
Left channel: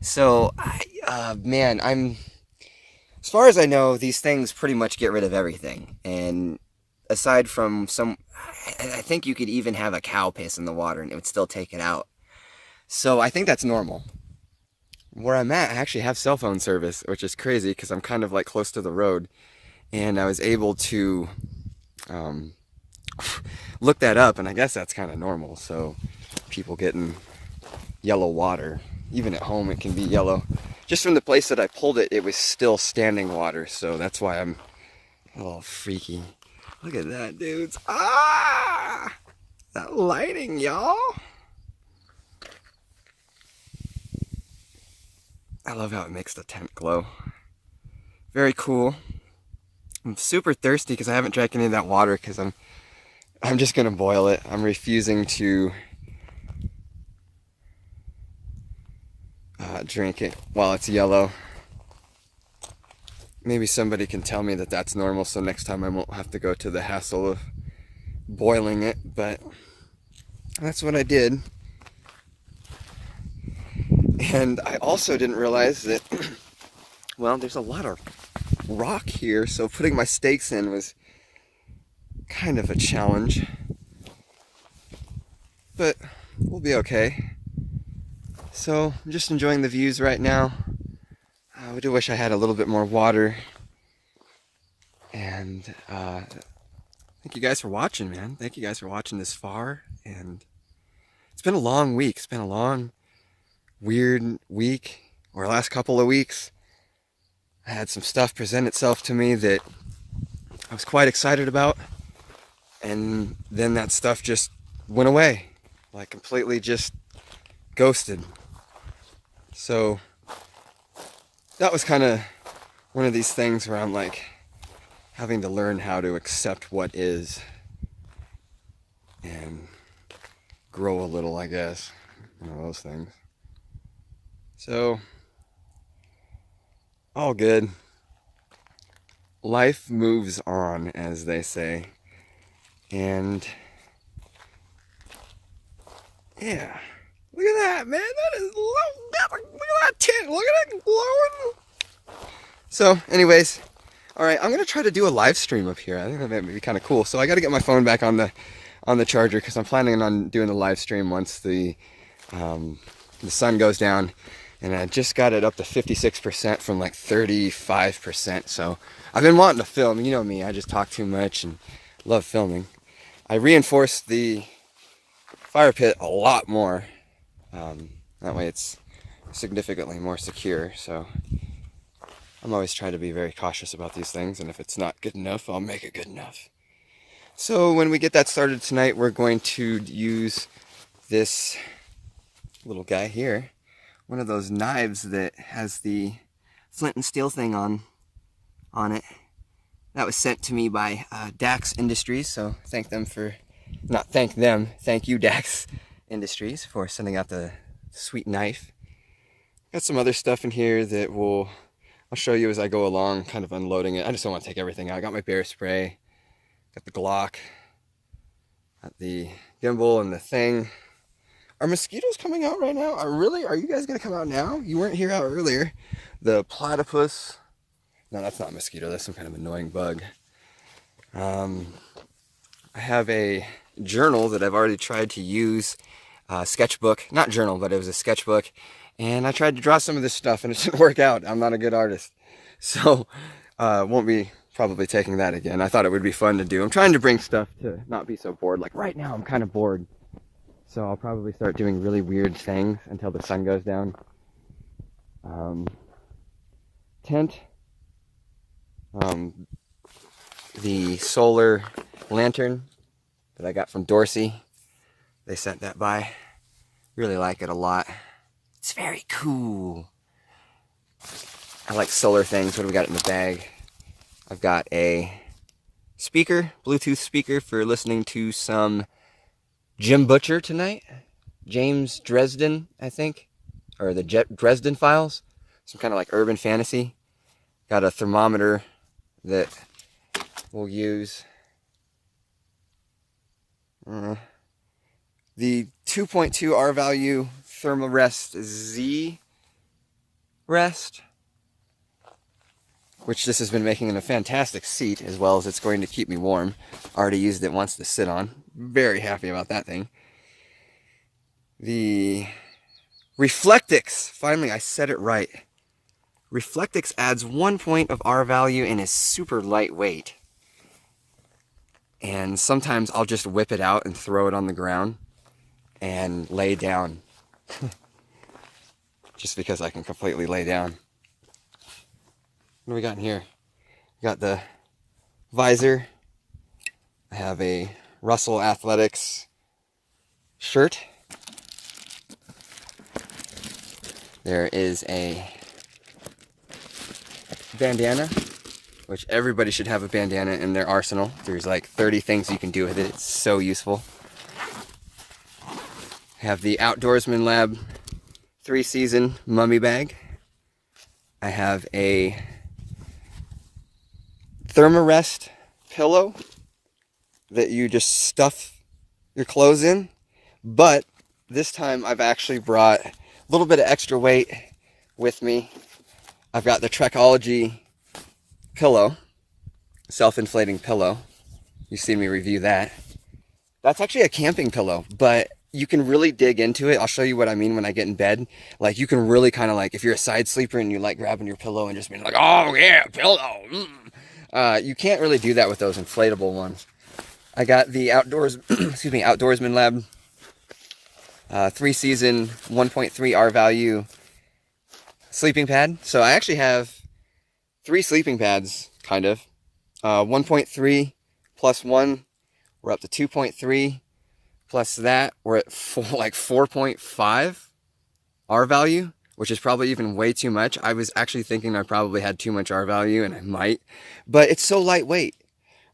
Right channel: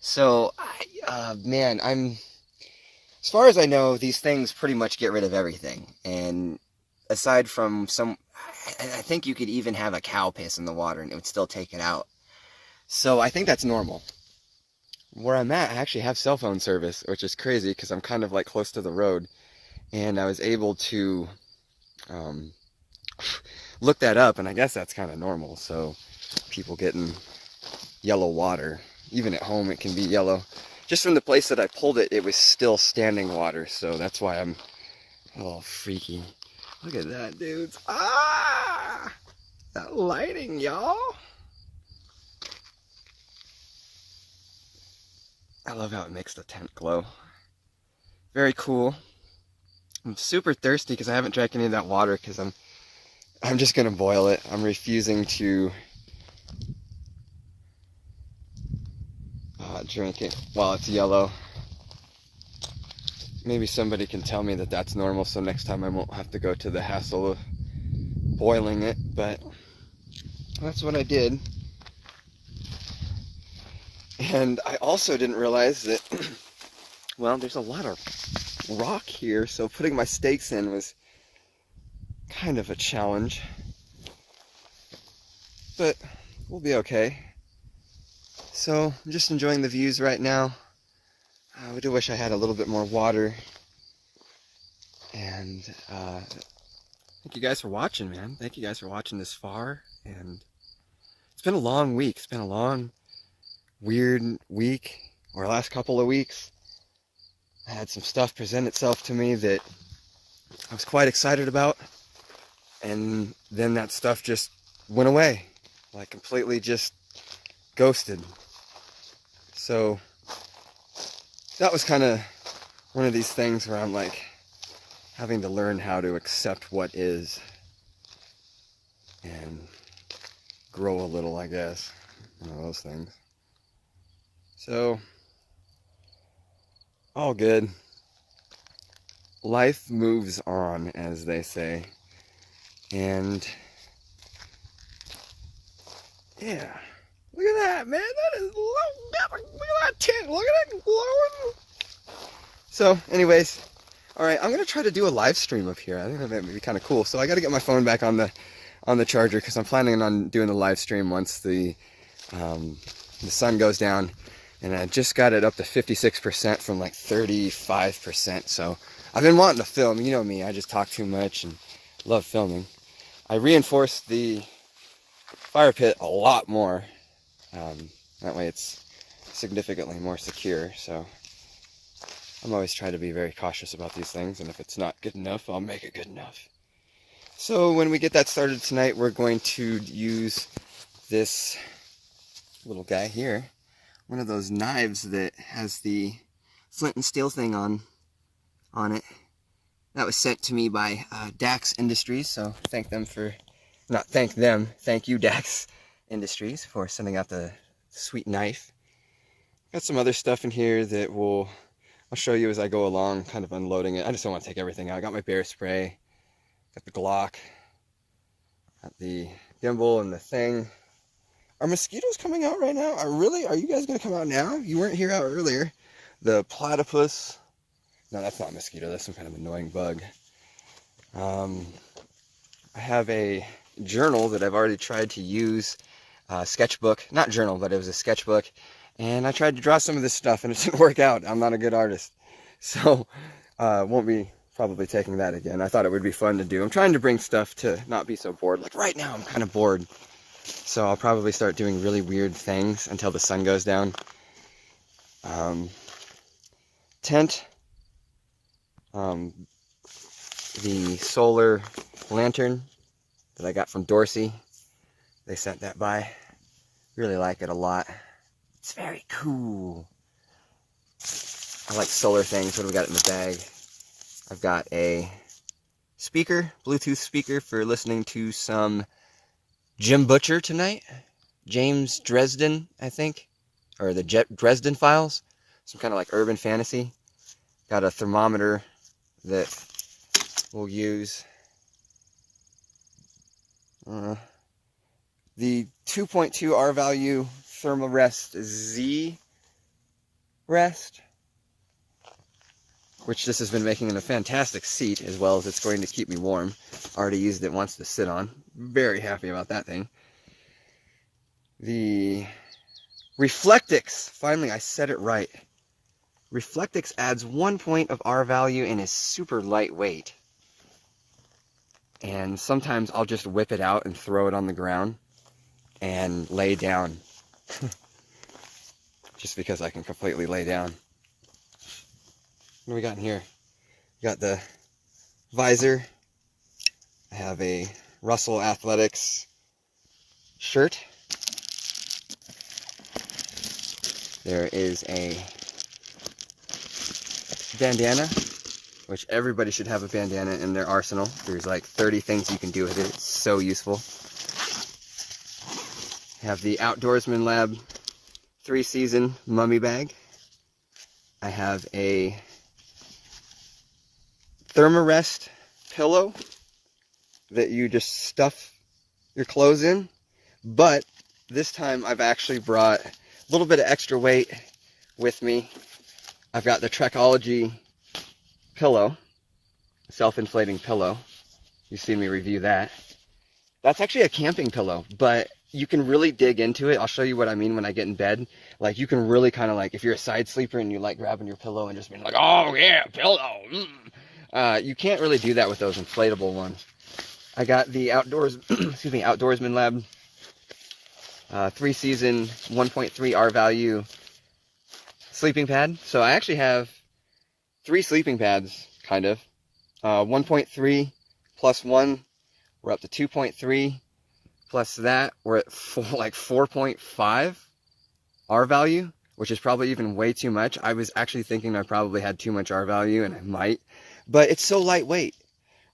So, man, as far as I know, these things pretty much get rid of everything. And aside from I think you could even have a cow piss in the water and it would still take it out. So I think that's normal. Where I'm at, I actually have cell phone service, which is crazy because I'm kind of like close to the road. And I was able to look that up, and I guess that's kind of normal. So people getting yellow water, even at home it can be yellow. Just from the place that I pulled it, it was still standing water, so that's why I'm a little freaky. Look at that, dudes. Ah! That lighting, y'all. I love how it makes the tent glow. Very cool. I'm super thirsty because I haven't drank any of that water because I'm just gonna boil it. I'm refusing to drink it while it's yellow. Maybe somebody can tell me that that's normal, so next time I won't have to go to the hassle of boiling it, but that's what I did. And I also didn't realize that, well, there's a lot of rock here, so putting my stakes in was kind of a challenge. But we'll be okay. So I'm just enjoying the views right now. I do wish I had a little bit more water. And thank you guys for watching, man. Thank you guys for watching this far. And it's been a long week. It's been a long, weird week, or last couple of weeks. I had some stuff present itself to me that I was quite excited about. And then that stuff just went away. Like completely just ghosted. So that was kind of one of these things where I'm like having to learn how to accept what is and grow a little, I guess. You know, those things. So, all good. Life moves on, as they say. And yeah. Look at that, man. That is low. Look at that tent. Look at it glowing. So, anyways, all right. I'm gonna try to do a live stream up here. I think that might be kind of cool. So I got to get my phone back on the charger because I'm planning on doing the live stream once the sun goes down. And I just got it up to 56% from like 35%. So I've been wanting to film. You know me. I just talk too much and love filming. I reinforced the fire pit a lot more. That way it's significantly more secure, so I'm always trying to be very cautious about these things, and if it's not good enough, I'll make it good enough. So when we get that started tonight, we're going to use this little guy here, one of those knives that has the flint and steel thing on it. That was sent to me by Dax Industries, so thank you Dax Industries for sending out the sweet knife. Got some other stuff in here that I'll show you as I go along, kind of unloading it. I just don't want to take everything out. I got my bear spray, got the Glock, got the gimbal and the thing. Are mosquitoes coming out right now? Are you guys gonna come out now? You weren't here out earlier. The platypus. No, that's not a mosquito. That's some kind of annoying bug. I have a journal that I've already tried to use. Sketchbook, not journal, but it was a sketchbook, and I tried to draw some of this stuff and it didn't work out. I'm not a good artist, so won't be probably taking that again. I thought it would be fun to do. I'm trying to bring stuff to not be so bored. Like right now I'm kind of bored, so I'll probably start doing really weird things until the sun goes down. Tent, the solar lantern that I got from Dorsey. They sent that by. Really like it a lot. It's very cool. I like solar things. What do we got in the bag? I've got a speaker, Bluetooth speaker for listening to some Jim Butcher tonight. James Dresden, I think. Or the Dresden Files. Some kind of like urban fantasy. Got a thermometer that we'll use. The 2.2 R value Thermarest Z Rest, which this has been making in a fantastic seat, as well as it's going to keep me warm. Already used it once to sit on. Very happy about that thing. The Reflectix, finally I said it right. Reflectix adds 1 point of R value and is super lightweight. And sometimes I'll just whip it out and throw it on the ground and lay down. Just because I can completely lay down. What do we got in here? We got the visor. I have a Russell Athletics shirt. There is a bandana, which everybody should have a bandana in their arsenal. There's like 30 things you can do with it. It's so useful. I have the Outdoorsman Lab 3-season mummy bag. I have a Thermarest pillow that you just stuff your clothes in, but this time I've actually brought a little bit of extra weight with me. I've got the Trekology pillow, self-inflating pillow. You've seen me review that. That's actually a camping pillow, but you can really dig into it. I'll show you what I mean when I get in bed. Like, you can really kind of like, if you're a side sleeper and you like grabbing your pillow and just being like, oh yeah, pillow. You can't really do that with those inflatable ones. I got the Outdoorsman Lab 3-season 1.3 R value sleeping pad. So I actually have 3 sleeping pads, kind of. 1.3 plus 1, we're up to 2.3. Plus that, we're at 4.5 R value, which is probably even way too much. I was actually thinking I probably had too much R value, and I might. But it's so lightweight.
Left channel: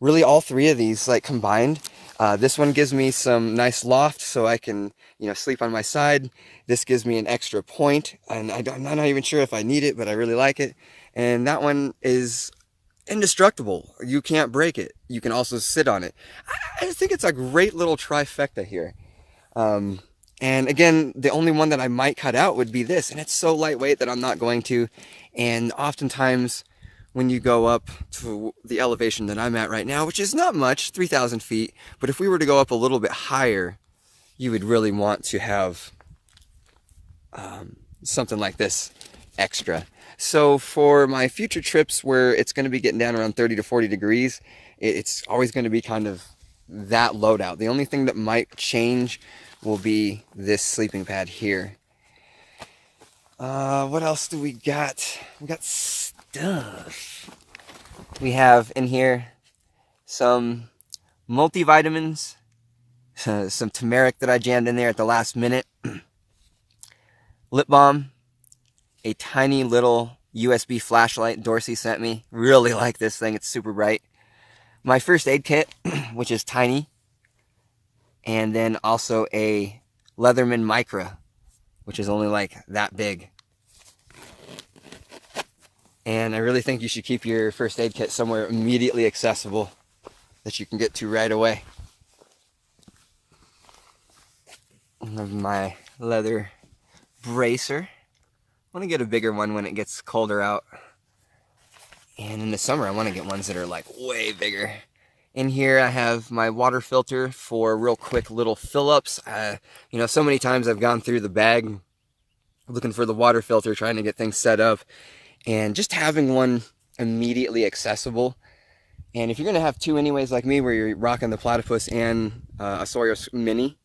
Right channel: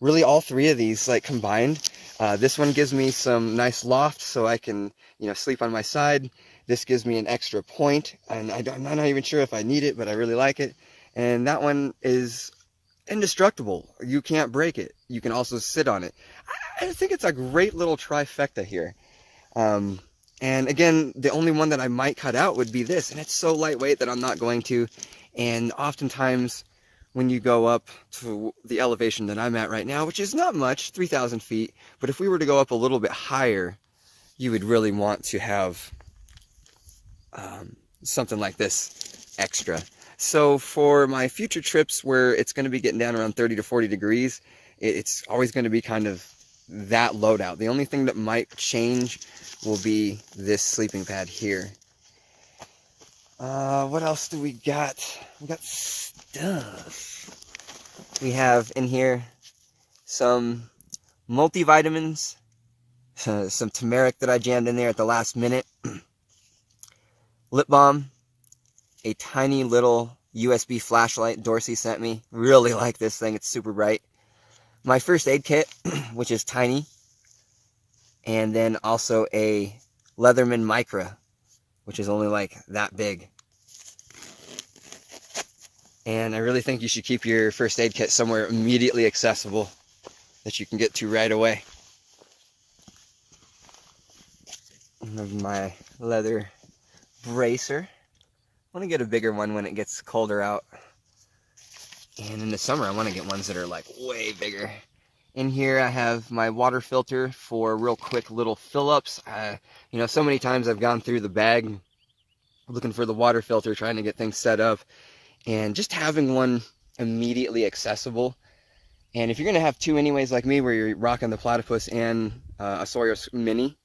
Really, all 3 of these, like, combined. This one gives me some nice loft so I can, sleep on my side. This gives me an extra point, and I'm not even sure if I need it, but I really like it. And that one is indestructible. You can't break it. You can also sit on it. I think it's a great little trifecta here. And again, the only one that I might cut out would be this, and it's so lightweight that I'm not going to. And oftentimes when you go up to the elevation that I'm at right now, which is not much, 3,000 feet, but if we were to go up a little bit higher, you would really want to have something like this extra. So for my future trips where it's going to be getting down around 30 to 40 degrees, it's always going to be kind of that loadout. The only thing that might change will be this sleeping pad here. What else do we got? We got stuff. We have in here some multivitamins, some turmeric that I jammed in there at the last minute, lip balm, a tiny little USB flashlight Dorsey sent me. Really like this thing. It's super bright. My first aid kit, which is tiny. And then also a Leatherman Micra, which is only like that big. And I really think you should keep your first aid kit somewhere immediately accessible that you can get to right away. I have my leather bracer. I want to get a bigger one when it gets colder out. And in the summer, I want to get ones that are like way bigger. In here, I have my water filter for real quick little fill-ups. So many times I've gone through the bag looking for the water filter, trying to get things set up. And just having one immediately accessible. And if you're going to have 2 anyways, like me, where you're rocking the Platypus and a Sawyer Mini,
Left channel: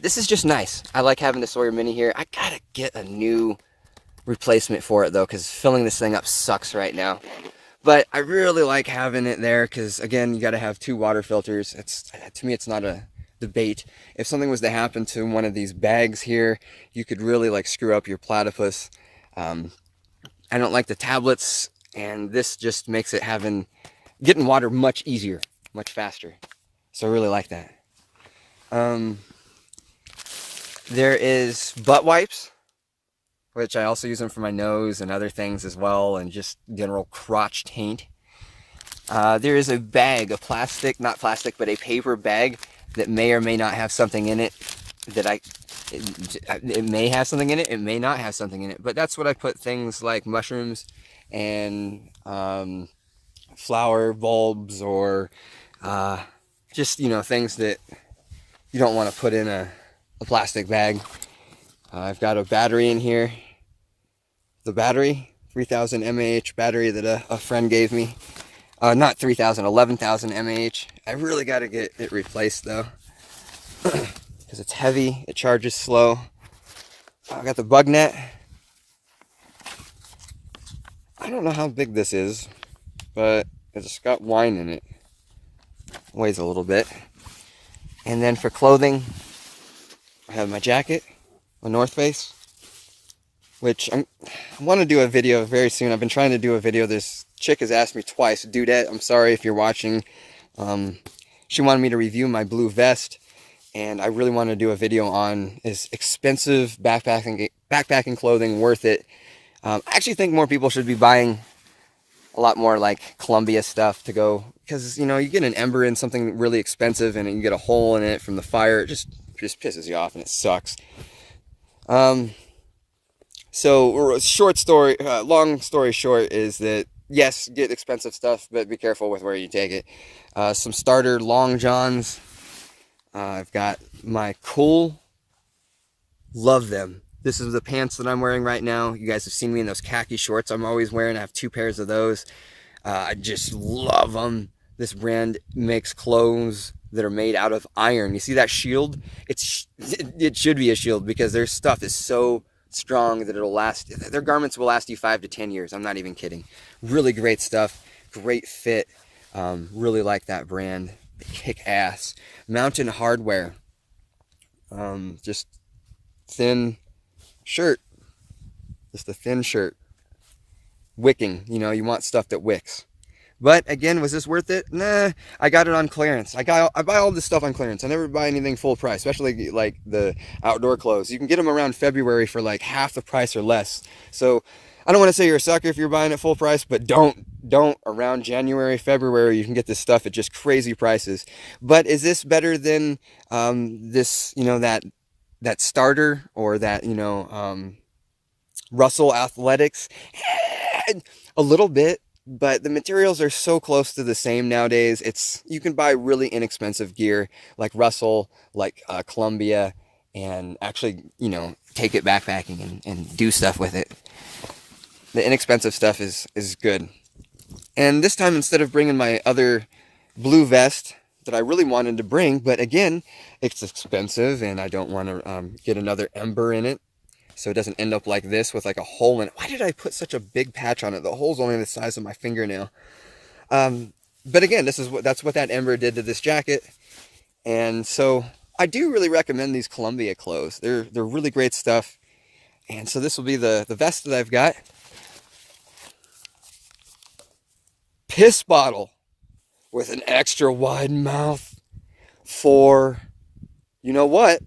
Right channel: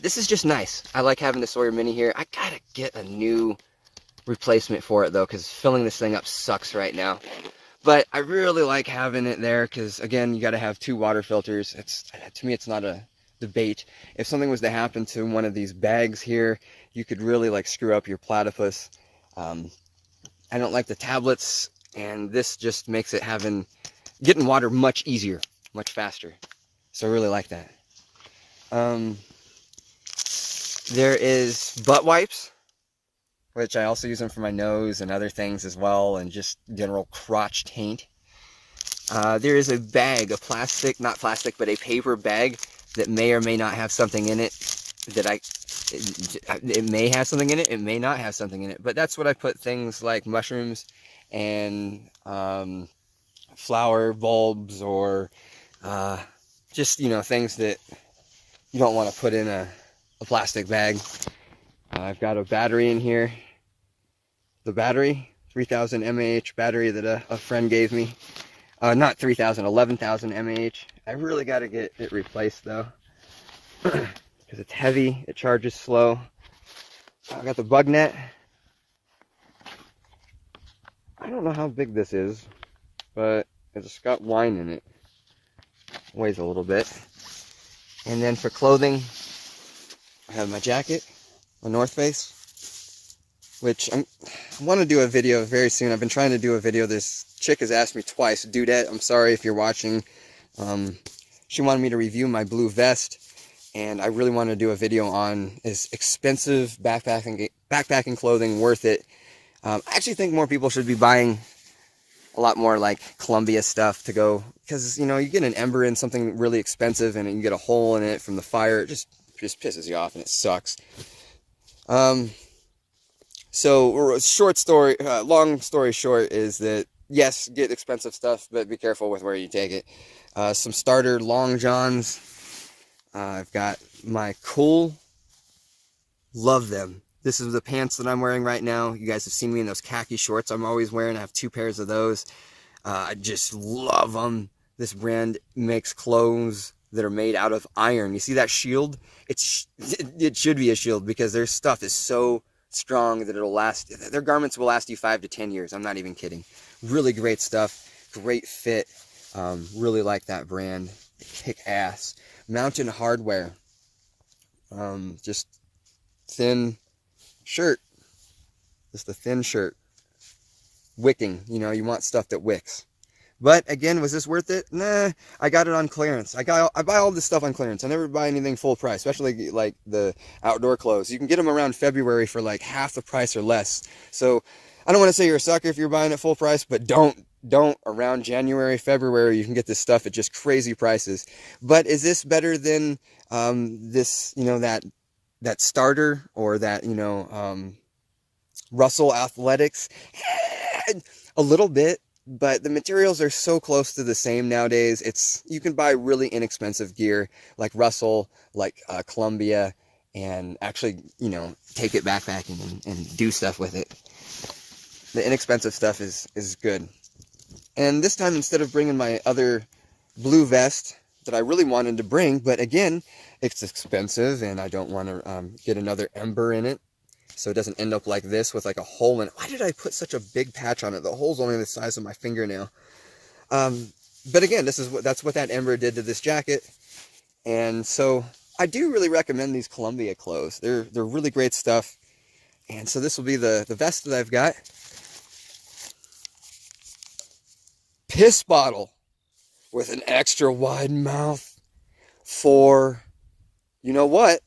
this is just nice. I like having the Sawyer Mini here. I gotta get a new replacement for it though, because filling this thing up sucks right now. But I really like having it there because, again, you got to have 2 water filters. To me, it's not a debate. If something was to happen to one of these bags here, you could really like screw up your Platypus. I don't like the tablets, and this just makes it getting water much easier, much faster. So I really like that. There is butt wipes, which I also use them for my nose and other things as well, and just general crotch taint. There is a bag, not plastic, but a paper bag that may or may not have something in it it may have something in it, it may not have something in it, but that's what I put things like mushrooms and flower bulbs, or just, things that you don't want to put in a plastic bag. I've got a battery in here. The battery, 3,000 mAh battery that a friend gave me. Not 3,000, 11,000 mAh. I really got to get it replaced though, because it's heavy, it charges slow. I got the bug net. I don't know how big this is, but it's got wine in it. Weighs a little bit. And then for clothing, I have my jacket, a North Face, which I want to do a video very soon. I've been trying to do a video. This chick has asked me twice. Dudette, I'm sorry if you're watching. She wanted me to review my blue vest, and I really want to do a video on is expensive backpacking clothing worth it. I actually think more people should be buying a lot more like Columbia stuff to go, because you know, you get an ember in something really expensive and you get a hole in it from the fire. It just pisses you off and it sucks. So long story short is that yes, get expensive stuff, but be careful with where you take it. Some starter long johns. I've got my Cool. Love them. This is the pants that I'm wearing right now. You guys have seen me in those khaki shorts I'm always wearing. I have 2 pairs of those. I just love them. This brand makes clothes that are made out of iron. You see that shield? It should be a shield because their stuff is so strong that it'll last. Their garments will last you 5 to 10 years. I'm not even kidding. Really great stuff. Great fit. Really like that brand. They kick ass. Mountain Hardware. Just thin shirt. Just a thin shirt. Wicking. You know, you want stuff that wicks. But again, was this worth it? Nah, I got it on clearance. I buy all this stuff on clearance. I never buy anything full price, especially like the outdoor clothes. You can get them around February for like half the price or less. So I don't want to say you're a sucker if you're buying it full price, but don't around January, February, you can get this stuff at just crazy prices. But is this better than this, you know, that starter or that, you know, Russell Athletics? A little bit. But the materials are so close to the same nowadays. You can buy really inexpensive gear like Russell, like Columbia, and actually, you know, take it backpacking and do stuff with it. The inexpensive stuff is good. And this time, instead of bringing my other blue vest that I really wanted to bring, but again, it's expensive and I don't want to get another ember in it. So it doesn't end up like this with like a hole in it. Why did I put such a big patch on it? The hole's only the size of my fingernail. But again, that's what that ember did to this jacket. And so I do really recommend these Columbia clothes. They're really great stuff. And so this will be the vest that I've got. Piss bottle with an extra wide mouth for you know what.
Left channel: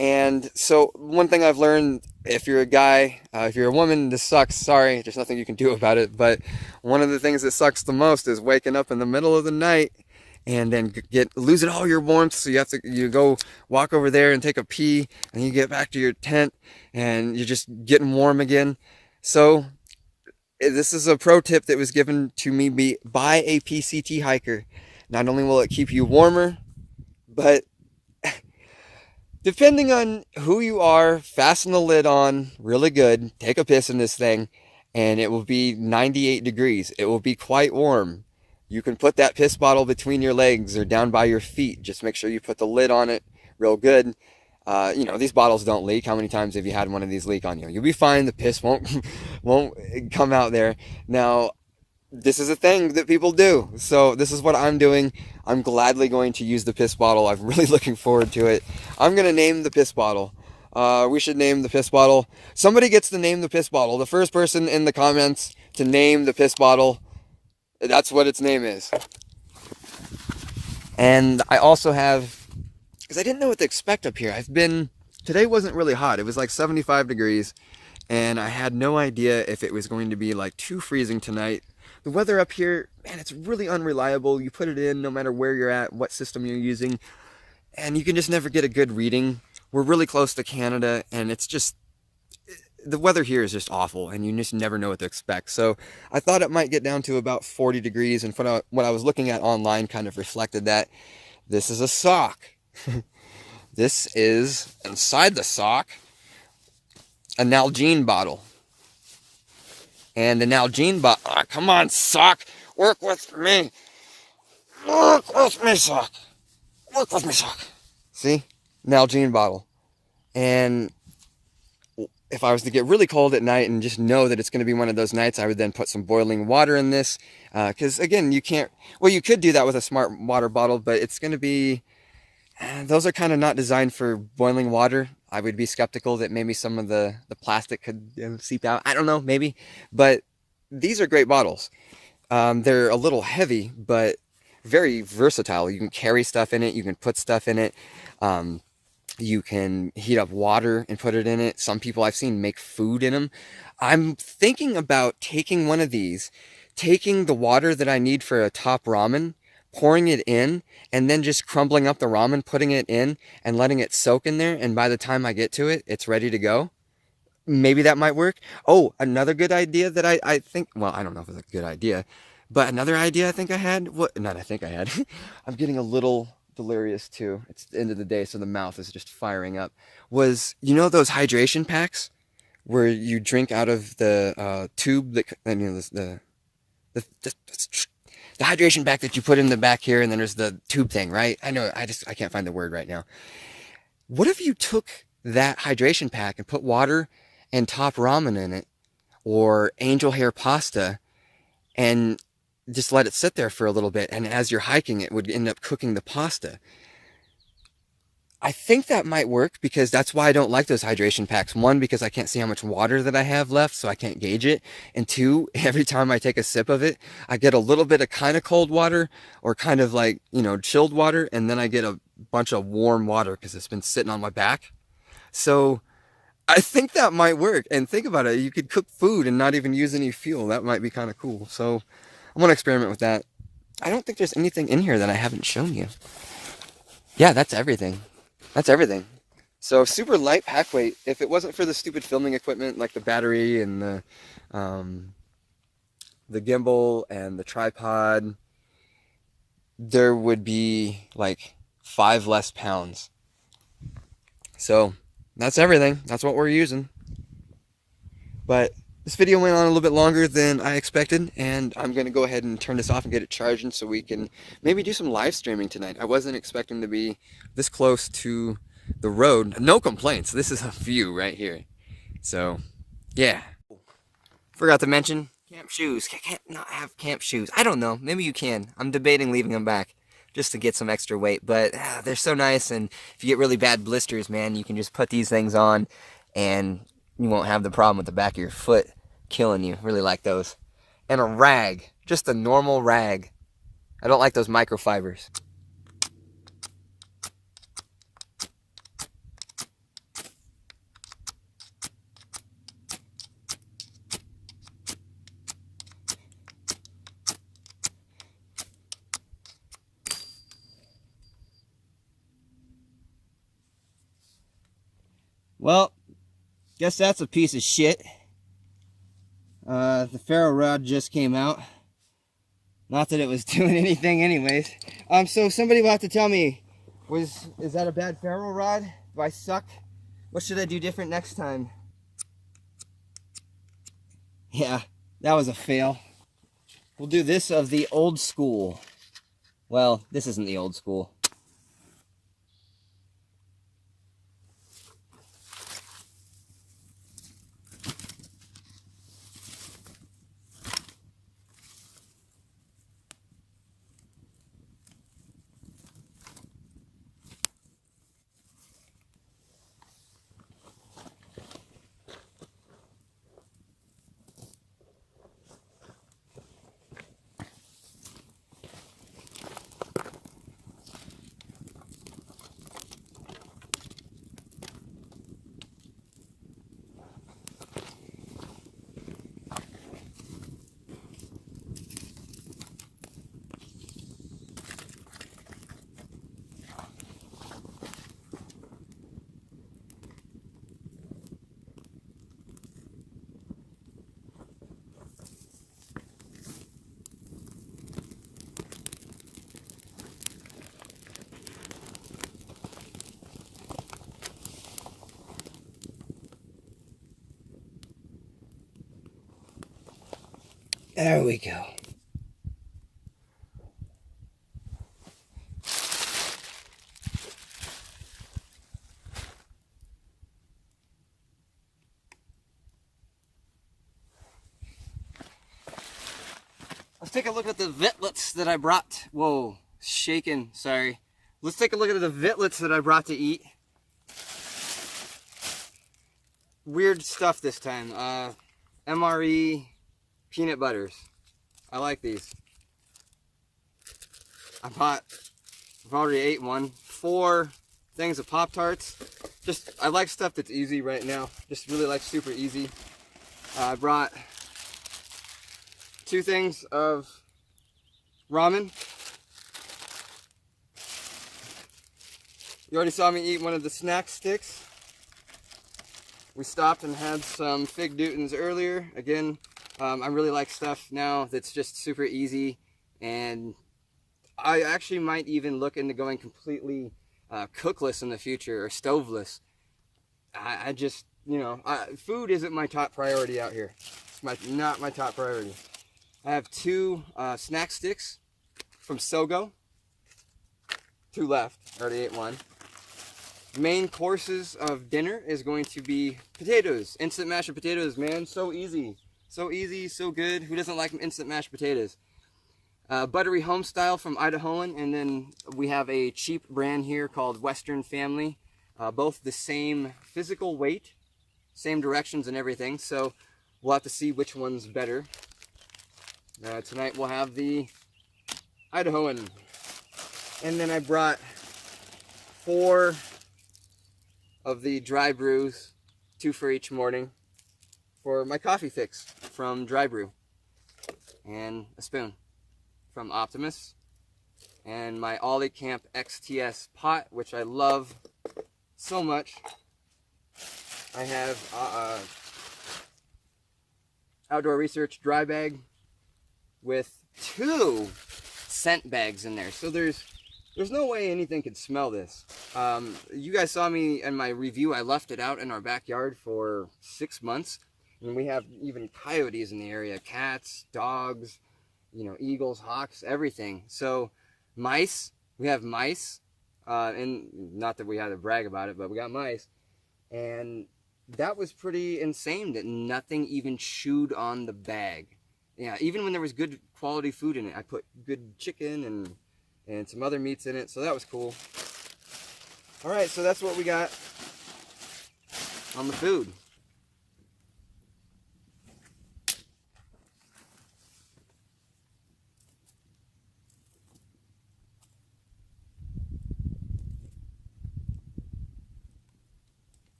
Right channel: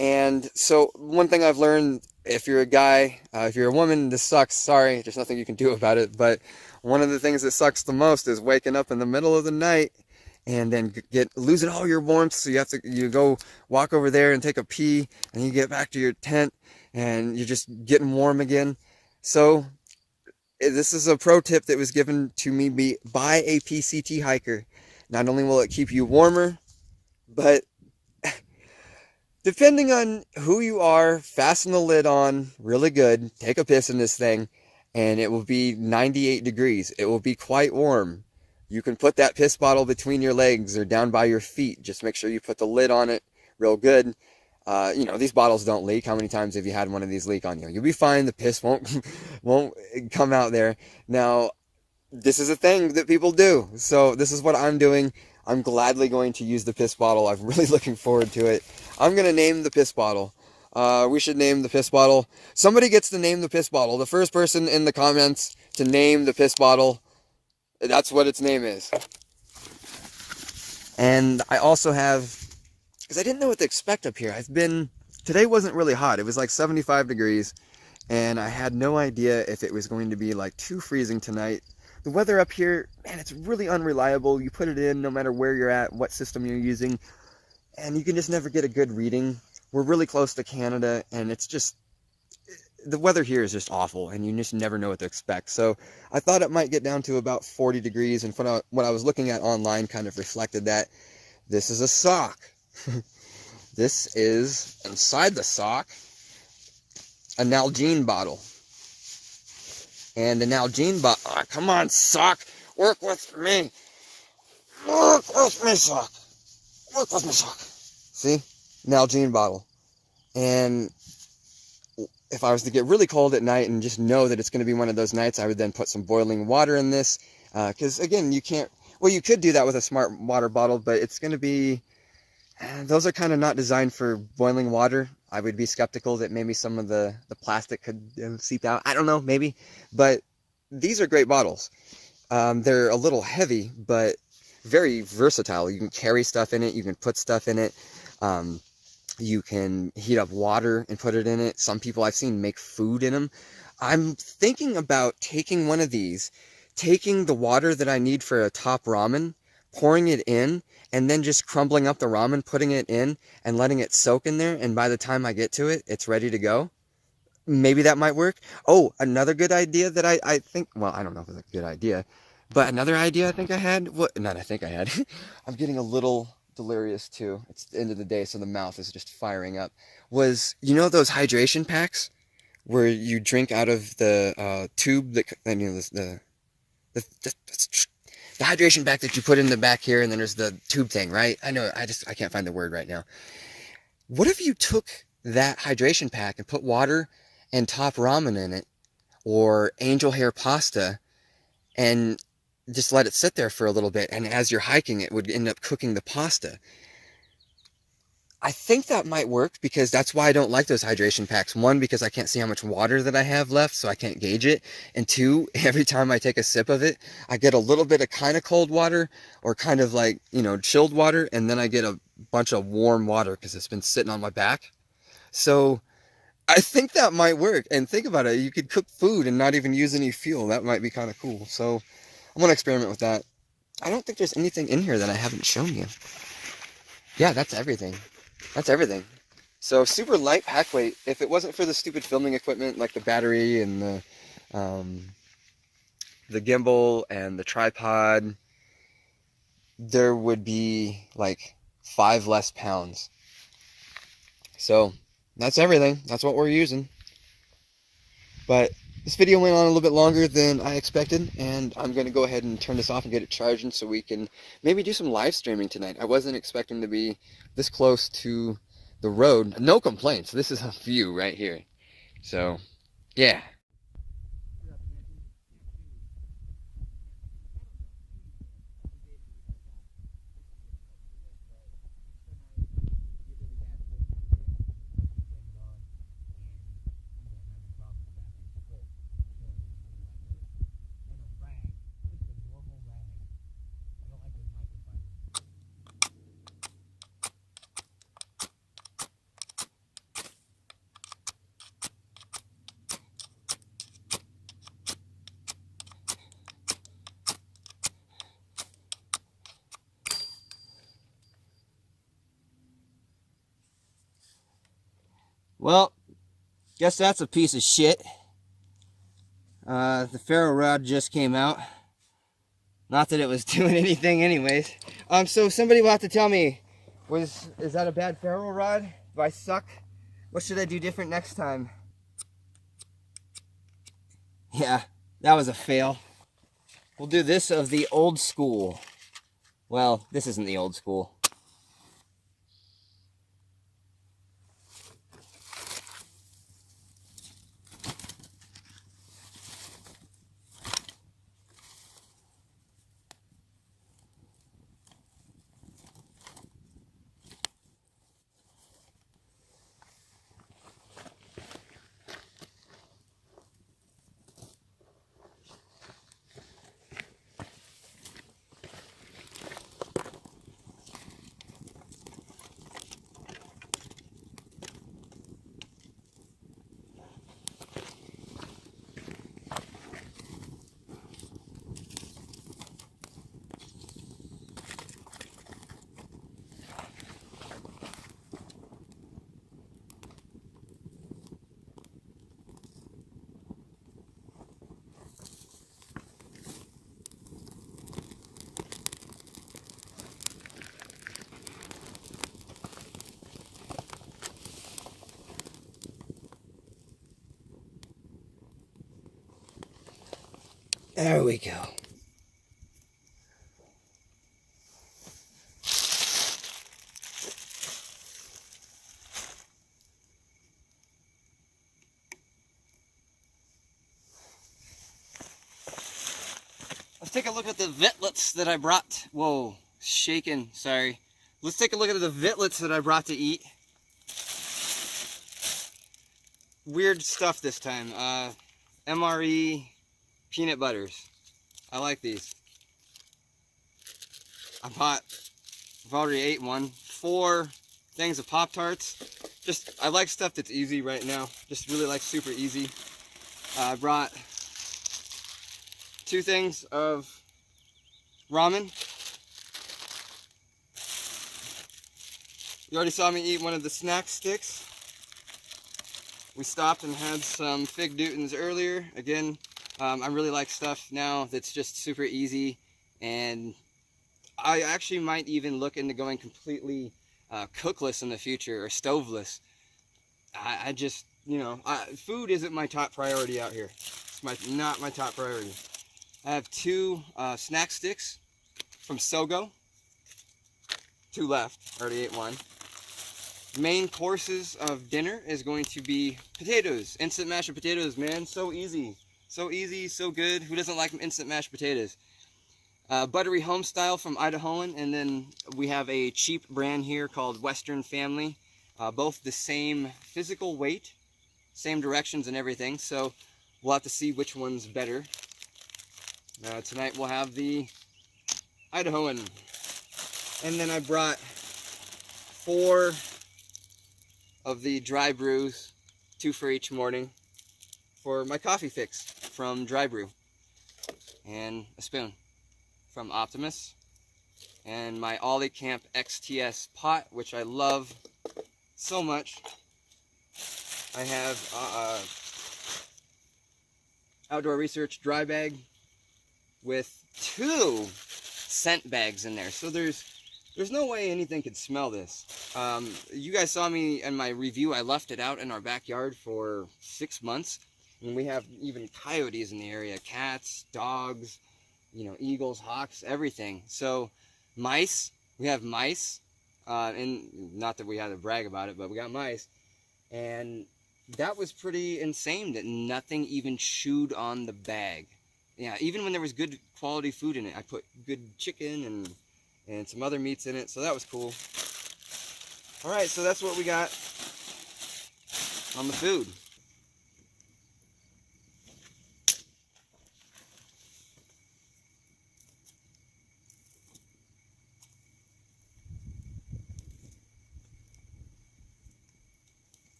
And so one thing I've learned, if you're a guy, if you're a woman, this sucks. Sorry, there's nothing you can do about it. But one of the things that sucks the most is waking up in the middle of the night and then losing all your warmth. So you go walk over there and take a pee, and you get back to your tent and you're just getting warm again. So this is a pro tip that was given to me by a PCT hiker. Not only will it keep you warmer, but depending on who you are, fasten the lid on really good, take a piss in this thing, and it will be 98 degrees. It will be quite warm. You can put that piss bottle between your legs or down by your feet. Just make sure you put the lid on it real good. You know, these bottles don't leak. How many times have you had one of these leak on you? You'll be fine. The piss won't come out there. Now, this is a thing that people do. So this is what I'm doing. I'm gladly going to use the piss bottle. I'm really looking forward to it. I'm going to name the piss bottle. We should name the piss bottle. Somebody gets to name the piss bottle. The first person in the comments to name the piss bottle, that's what its name is. And I also have, because I didn't know what to expect up here. Today wasn't really hot. It was like 75 degrees. And I had no idea if it was going to be like too freezing tonight. The weather up here, man, it's really unreliable. You put it in no matter where you're at, what system you're using, and you can just never get a good reading. We're really close to Canada, and it's just, the weather here is just awful, and you just never know what to expect. So I thought it might get down to about 40 degrees, and what I was looking at online kind of reflected that. This is a sock. This is, inside the sock, a Nalgene bottle. And the Nalgene bottle, come on, sock, work with me. Work with me, sock. Work with me, sock. See? Nalgene bottle. And if I was to get really cold at night and just know that it's going to be one of those nights, I would then put some boiling water in this. Because again, Well, you could do that with a smart water bottle, but it's going to be, those are kind of not designed for boiling water. I would be skeptical that maybe some of the plastic could seep out. I don't know, maybe. But these are great bottles. They're a little heavy, but very versatile. You can carry stuff in it. You can put stuff in it. You can heat up water and put it in it. Some people I've seen make food in them. I'm thinking about taking one of these, taking the water that I need for a top ramen, pouring it in, and then just crumbling up the ramen, putting it in, and letting it soak in there. And by the time I get to it, it's ready to go. Maybe that might work. Oh, another good idea that I think, well, I don't know if it's a good idea, but another idea I think I had, not I think I had, I'm getting a little delirious too. It's the end of the day, so the mouth is just firing up. Was, you know those hydration packs where you drink out of the tube that, I mean, the, the hydration pack that you put in the back here, and then there's the tube thing, right? I know, I can't find the word right now. What if you took that hydration pack and put water and top ramen in it, or angel hair pasta, and just let it sit there for a little bit, and as you're hiking it would end up cooking the pasta? I think that might work, because that's why I don't like those hydration packs. One, because I can't see how much water that I have left, so I can't gauge it. And two, every time I take a sip of it, I get a little bit of kind of cold water, or kind of like, you know, chilled water, and then I get a bunch of warm water because it's been sitting on my back. So I think that might work. And think about it, you could cook food and not even use any fuel. That might be kind of cool. So I'm going to experiment with that. I don't think there's anything in here that I haven't shown you. Yeah, that's everything. That's everything. So super light pack weight. If it wasn't for the stupid filming equipment like the battery and the gimbal and the tripod, there would be like 5 less pounds. So that's everything. That's what we're using. But this video went on a little bit longer than I expected, and I'm going to go ahead and turn this off and get it charging so we can maybe do some live streaming tonight. I wasn't expecting to be this close to the road. No complaints. This is a view right here. So, yeah. Forgot to mention, camp shoes. Can't not have camp shoes. I don't know. Maybe you can. I'm debating leaving them back just to get some extra weight, but they're so nice, and if you get really bad blisters, man, you can just put these things on and you won't have the problem with the back of your foot killing you. Really like those. And a rag, just a normal rag. I don't like those microfibers. Well, guess that's a piece of shit. The ferro rod just came out. Not that it was doing anything anyways. So somebody will have to tell me, is that a bad ferro rod? Do I suck? What should I do different next time? Yeah, that was a fail. We'll do this of the old school. Well, this isn't the old school. There we go. Let's take a look at the vitlets that I brought. Whoa, shaking, sorry. Let's take a look at the vitlets that I brought to eat. Weird stuff this time. MRE peanut butters. I like these. I've already ate one. 4 things of Pop-Tarts. I like stuff that's easy right now. Just really like super easy. I brought 2 things of ramen. You already saw me eat one of the snack sticks. We stopped and had some Fig Newtons earlier. Again, I really like stuff now that's just super easy, and I actually might even look into going completely cookless in the future, or stoveless. I just, you know, food isn't my top priority out here. It's not my top priority. I have 2 snack sticks from Sogo. 2 left. I already ate one. Main courses of dinner is going to be potatoes. Instant mashed potatoes, man. So easy. So easy, so good. Who doesn't like instant mashed potatoes? Buttery home style from Idahoan, and then we have a cheap brand here called Western Family. Both the same physical weight, same directions and everything, so we'll have to see which one's better. Tonight we'll have the Idahoan. And then I brought 4 of the dry brews, 2 for each morning, for my coffee fix from Dry Brew. And a spoon from Optimus. And my Ollie Camp XTS pot, which I love so much. I have Outdoor Research dry bag with 2 scent bags in there. So there's no way anything could smell this. You guys saw me in my review. I left it out in our backyard for 6 months. And we have even coyotes in the area. Cats, dogs, you know, eagles, hawks, everything. So mice, we have mice. And not that we had to brag about it, but we got mice. And that was pretty insane that nothing even chewed on the bag. Yeah, even when there was good quality food in it. I put good chicken and some other meats in it, so that was cool. Alright, so that's what we got on the food.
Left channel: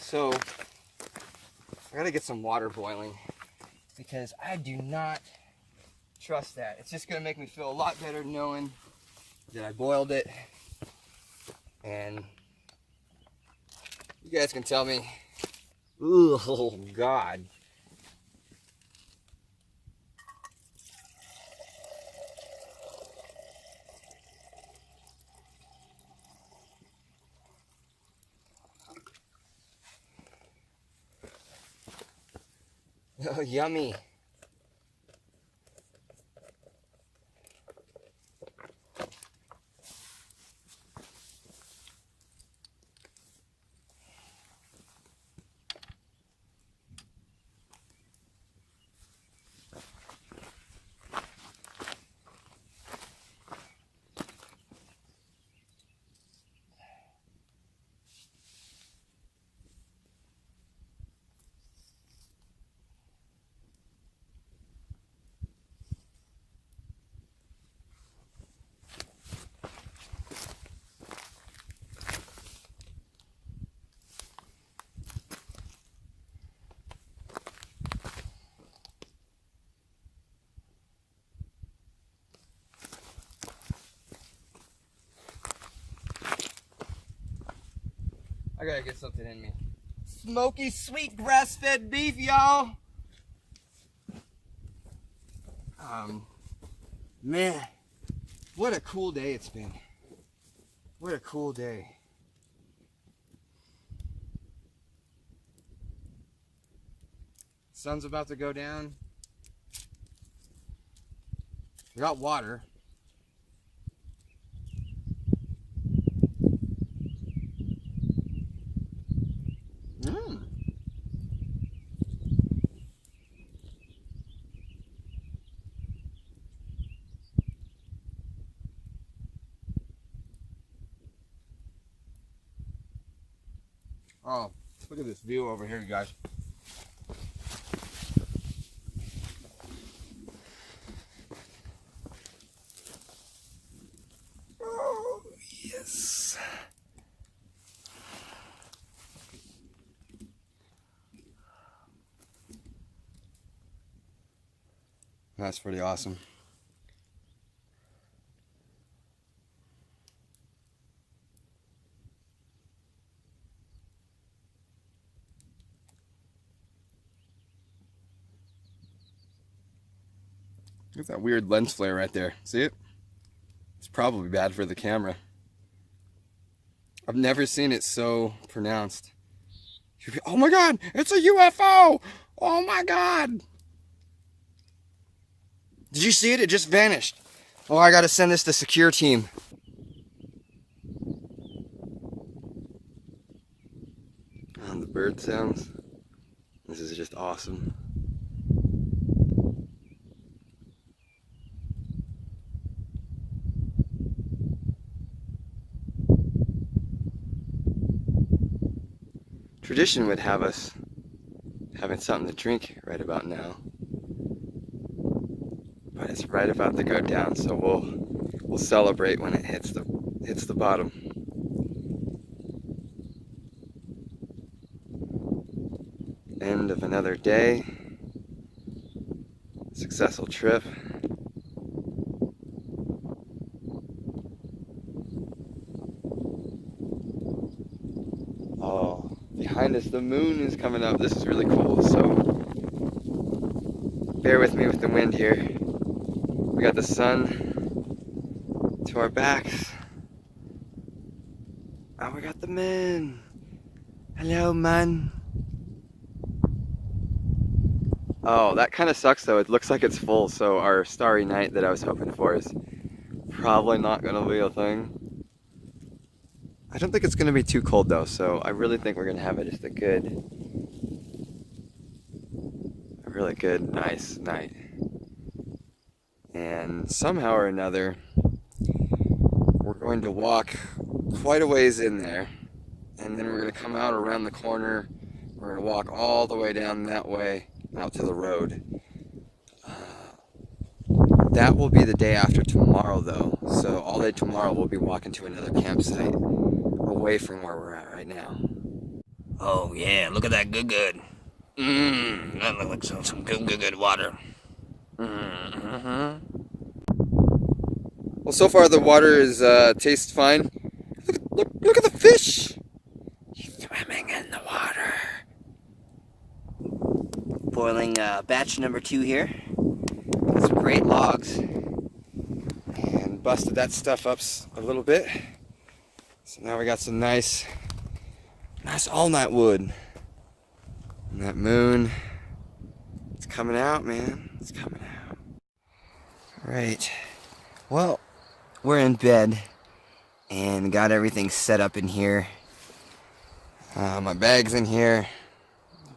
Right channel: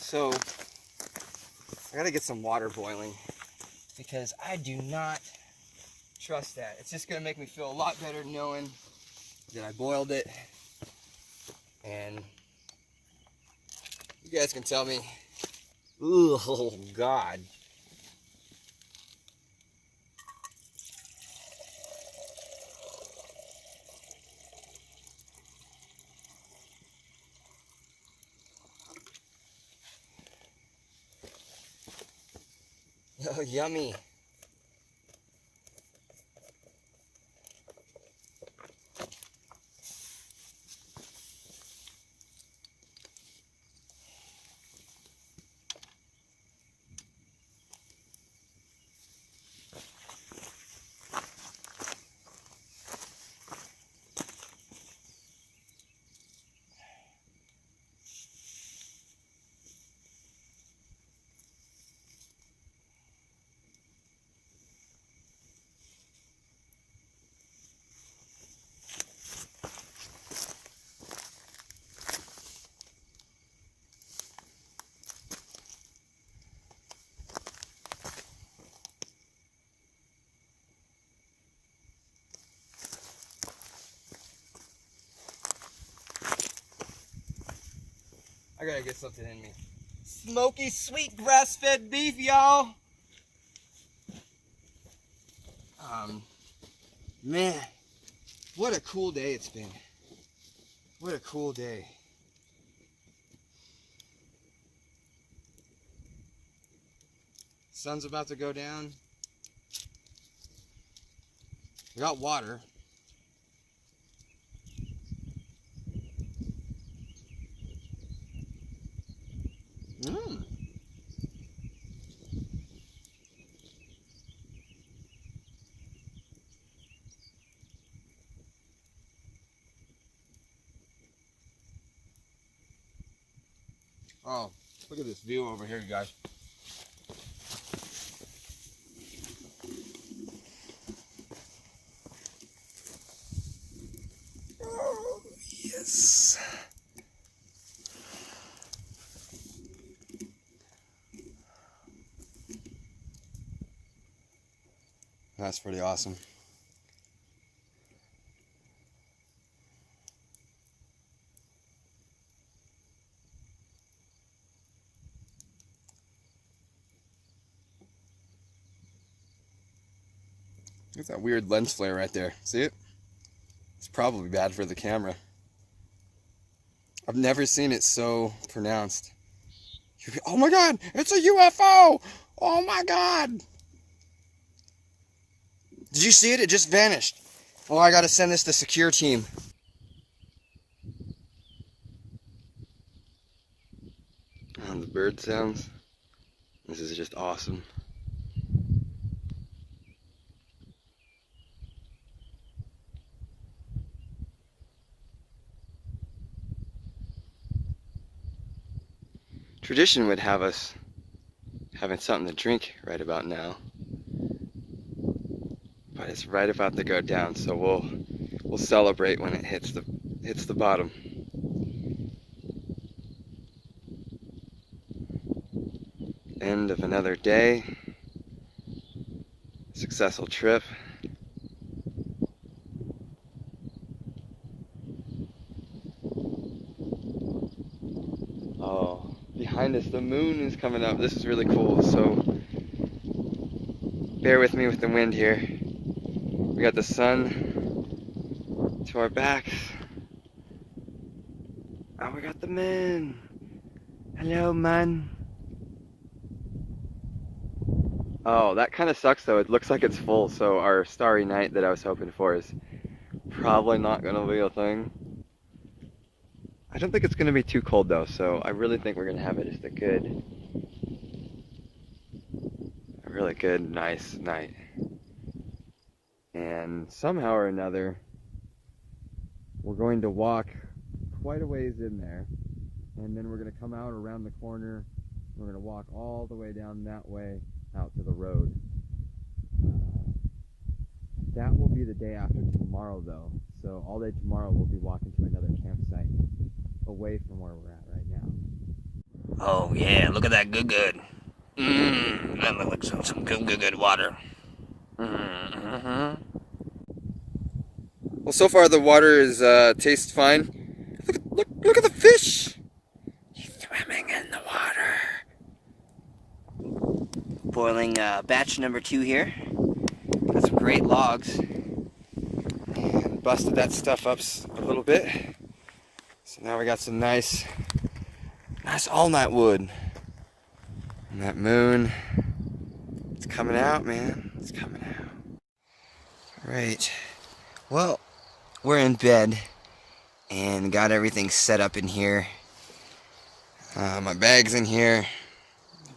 So, I gotta get some water boiling because I do not trust that. It's just gonna make me feel a lot better knowing that I boiled it. And you guys can tell me, ooh, oh God. Oh, yummy. I gotta get something in me. Smoky, sweet grass-fed beef, y'all. Man, what a cool day it's been. What a cool day. Sun's about to go down. We got water. Oh, look at this view over here, you guys. Oh, yes. That's pretty awesome. Look at that weird lens flare right there. See it? It's probably bad for the camera. I've never seen it so pronounced. Oh my God, it's a UFO! Oh my God! Did you see it? It just vanished. Oh, I gotta send this to secure team. Oh, the bird sounds. This is just awesome. Tradition would have us having something to drink right about now, but it's right about to go down, so we'll celebrate when it hits the bottom. End of another day. Successful trip. Oh, behind us the moon is coming up. This is really cool, so bear with me with the wind here. We got the sun to our backs. Oh, we got the moon. Hello, man. Oh, that kind of sucks though. It looks like it's full, so our starry night that I was hoping for is probably not gonna be a thing. I don't think it's gonna be too cold though, so I really think we're gonna have just a really good, nice night. And somehow or another, we're going to walk quite a ways in there, and then we're gonna come out around the corner. We're gonna walk all the way down that way out to the road. That will be the day after tomorrow though, so all day tomorrow we'll be walking to another campsite away from where we're at right now. Oh yeah, look at that good. That looks like some good water. Well, so far the water is tastes fine. Look at the fish. He's swimming in the water. Boiling batch number 2 here. Got some great logs. And busted that stuff up a little bit. So now we got some nice all-night wood. And that moon, it's coming out, man. It's coming out. All right. Well, we're in bed and got everything set up in here. My bag's in here.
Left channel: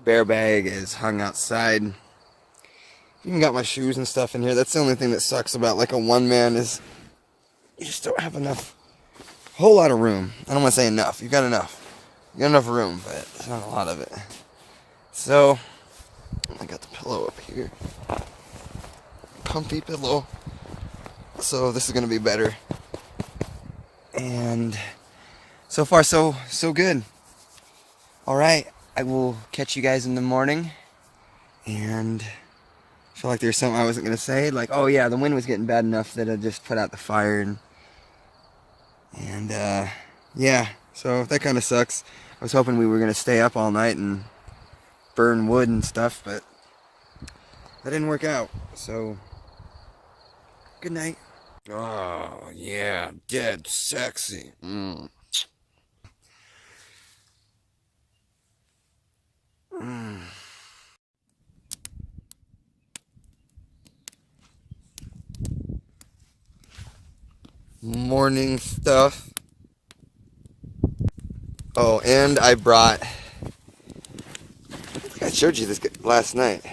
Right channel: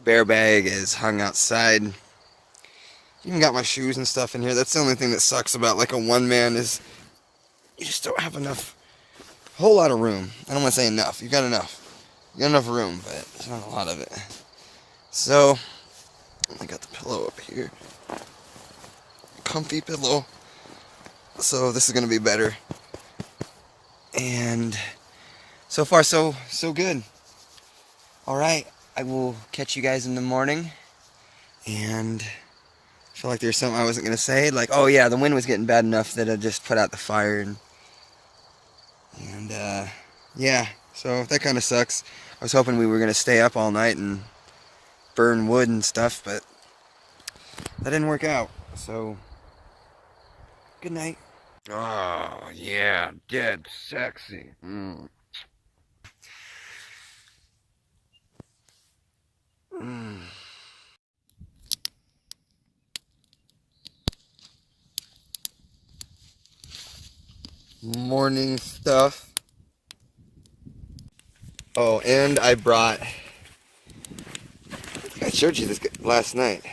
Bear bag is hung outside. Even got my shoes and stuff in here. That's the only thing that sucks about like a one-man is you just don't have enough, a whole lot of room. I don't want to say enough. You got enough. You got enough room, but there's not a lot of it. So, I got the pillow up here. Comfy pillow. So this is going to be better. And so far so good. All right, I will catch you guys in the morning. And I feel like there's something I wasn't going to say. Like, oh yeah, the wind was getting bad enough that I just put out the fire. And yeah, so that kind of sucks. I was hoping we were going to stay up all night and burn wood and stuff, but that didn't work out. So, good night. Oh, yeah, dead sexy. Mm. Mm. Morning stuff. Oh, and I brought, I showed you this last night.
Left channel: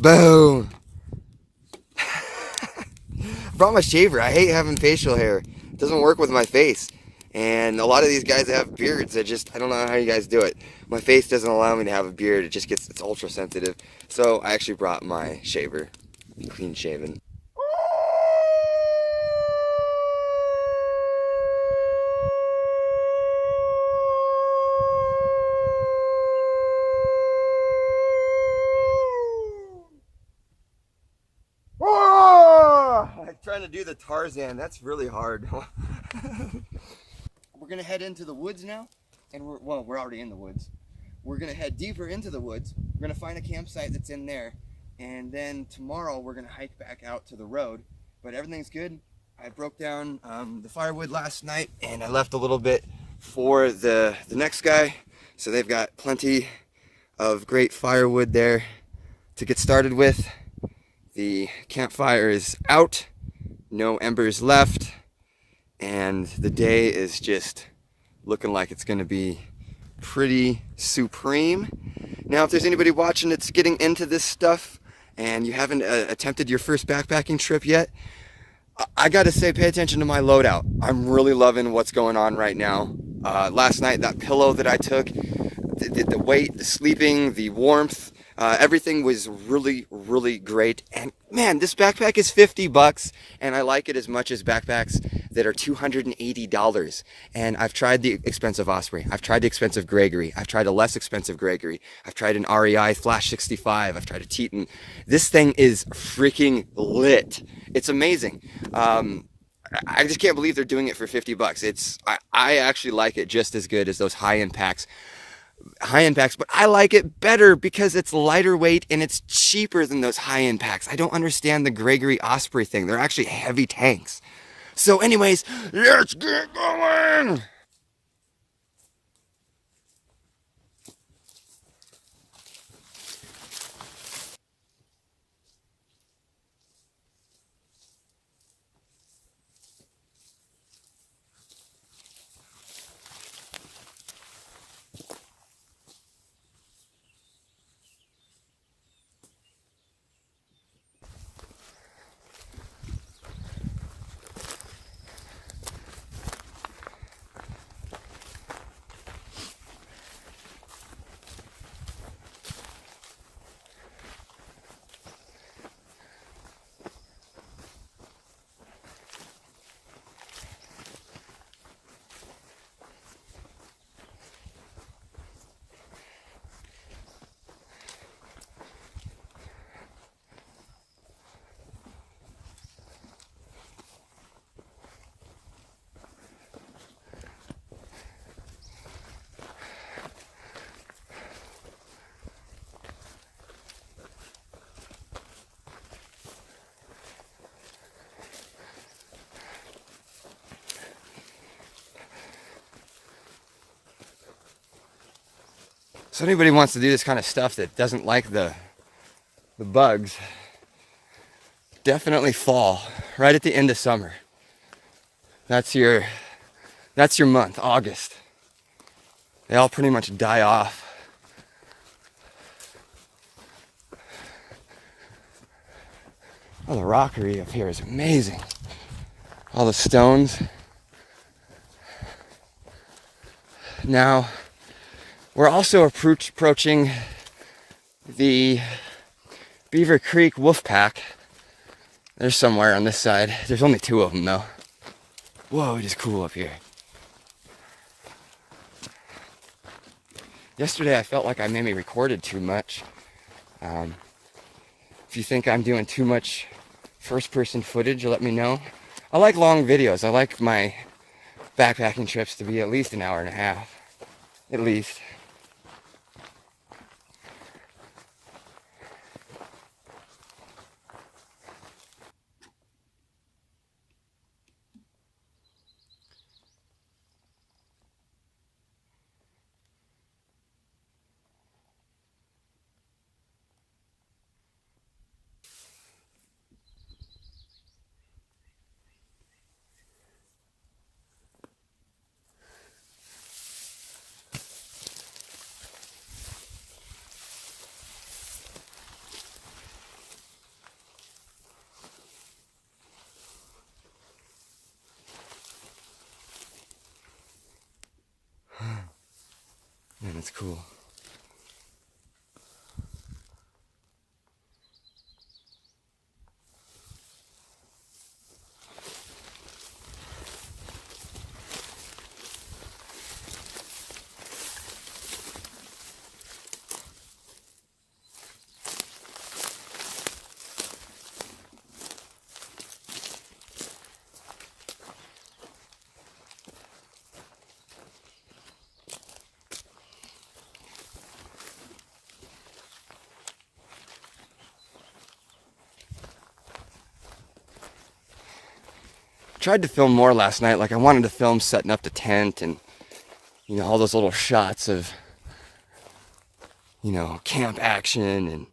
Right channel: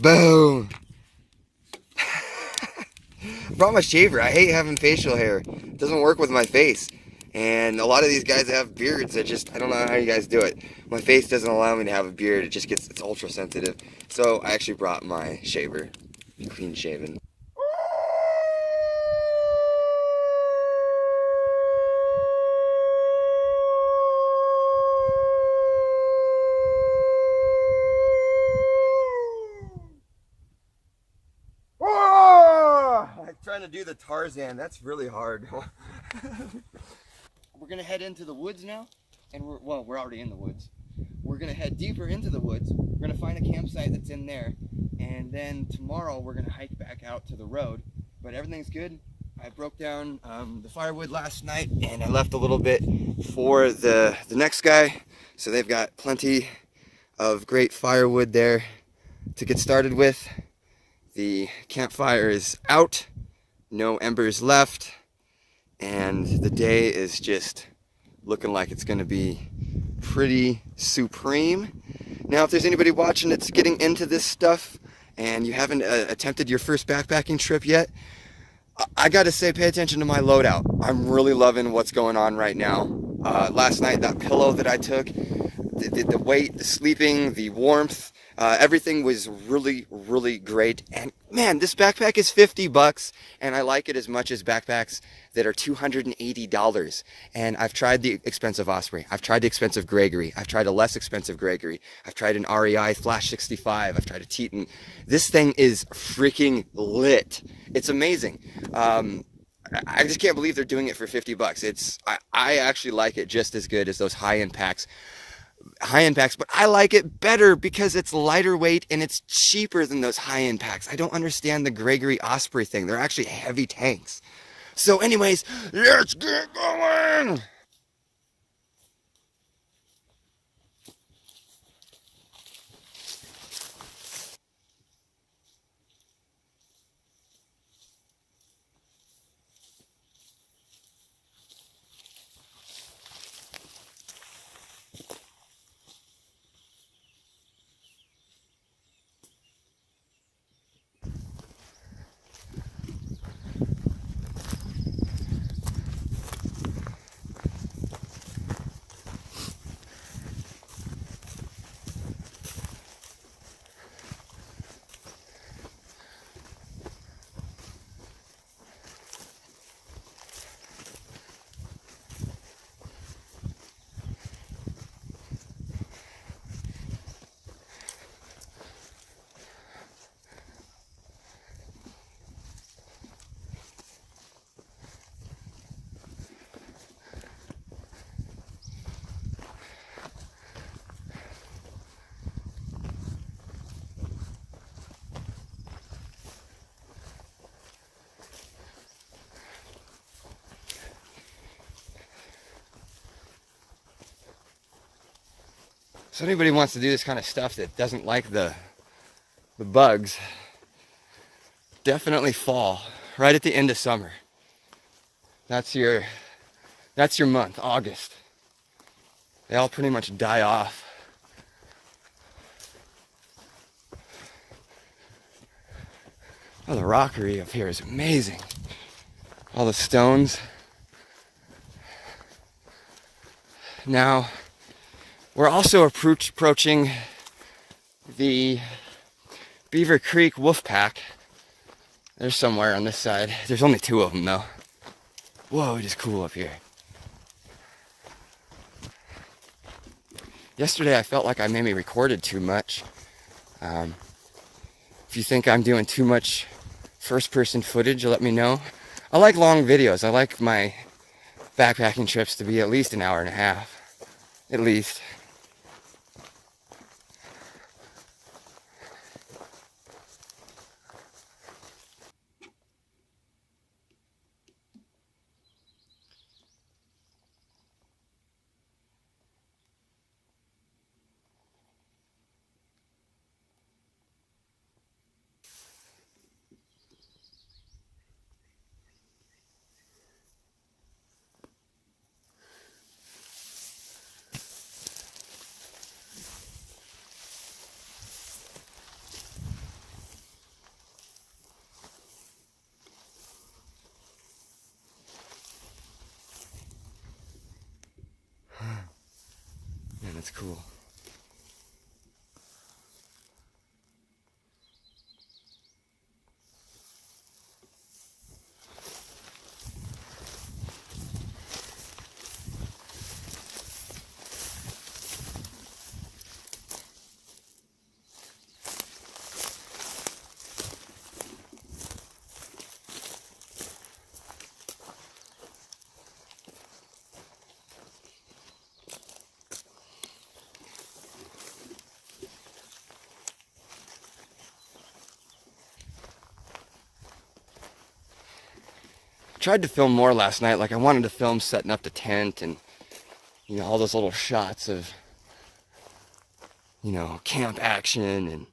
Boom. Brought my shaver. I hate having facial hair. It doesn't work with my face. And a lot of these guys that have beards, I don't know how you guys do it. My face doesn't allow me to have a beard. It's ultra sensitive. So I actually brought my shaver. Clean shaven. I'm trying to do the Tarzan. That's really hard. We're gonna head into the woods now, and we're already in the woods. We're gonna head deeper into the woods. We're gonna find a campsite that's in there, and then tomorrow we're gonna hike back out to the road. But everything's good. I broke down the firewood last night, and I left a little bit for the next guy, so they've got plenty of great firewood there to get started with. The campfire is out, no embers left, and the day is just looking like it's gonna be pretty supreme. Now, if there's anybody watching that's getting into this stuff and you haven't attempted your first backpacking trip yet, I gotta say, pay attention to my loadout. I'm really loving what's going on right now. Last night, that pillow that I took, the weight, the sleeping, the warmth, everything was really, really great. And man, this backpack is 50 bucks, and I like it as much as backpacks that are $280. And I've tried the expensive Osprey. I've tried the expensive Gregory. I've tried a less expensive Gregory. I've tried an REI Flash 65. I've tried a Teton. This thing is freaking lit. It's amazing. I just can't believe they're doing it for 50 bucks. I actually like it just as good as those high-end packs, but I like it better because it's lighter weight and it's cheaper than those high-end packs. I don't understand the Gregory Osprey thing. They're actually heavy tanks. So anyways, let's get going. So anybody wants to do this kind of stuff that doesn't like the bugs, definitely fall right at the end of summer. That's your month, August. They all pretty much die off. Oh, the rockery up here is amazing. All the stones. Now, we're also approaching the Beaver Creek Wolf Pack. They're somewhere on this side. There's only 2 of them though. Whoa, it is cool up here. Yesterday I felt like I maybe recorded too much. If you think I'm doing too much first-person footage, let me know. I like long videos. I like my backpacking trips to be at least an hour and a half. At least. That's cool. Tried to film more last night. Like I wanted to film setting up the tent and, you know, all those little shots of, you know, camp action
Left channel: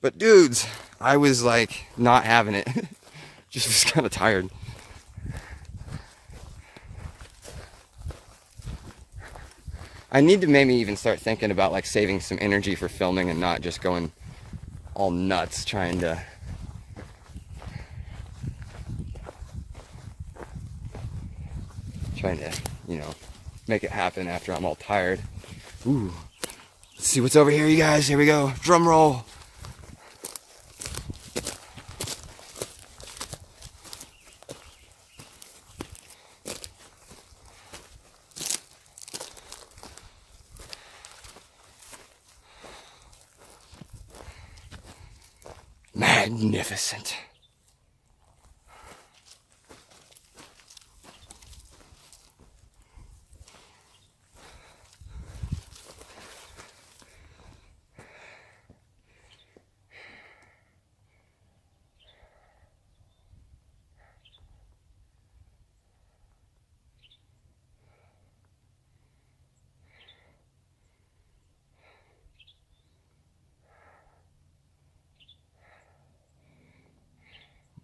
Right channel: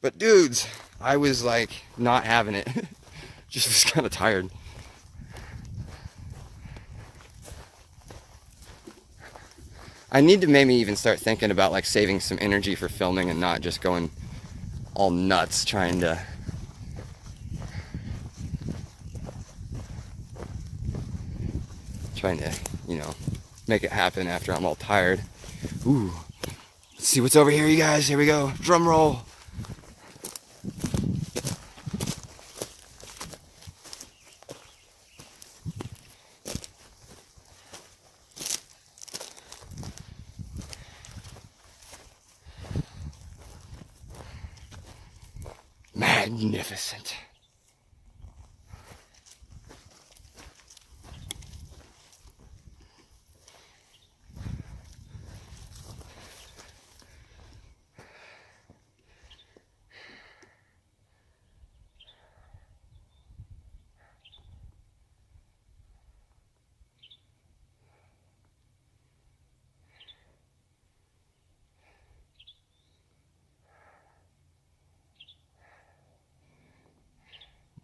but dudes, I was like not having it. Just was kind of tired. I need to maybe even start thinking about like saving some energy for filming and not just going all nuts trying to you know, make it happen after I'm all tired. Ooh. Let's see what's over here, you guys. Here we go. Drum roll. Magnificent.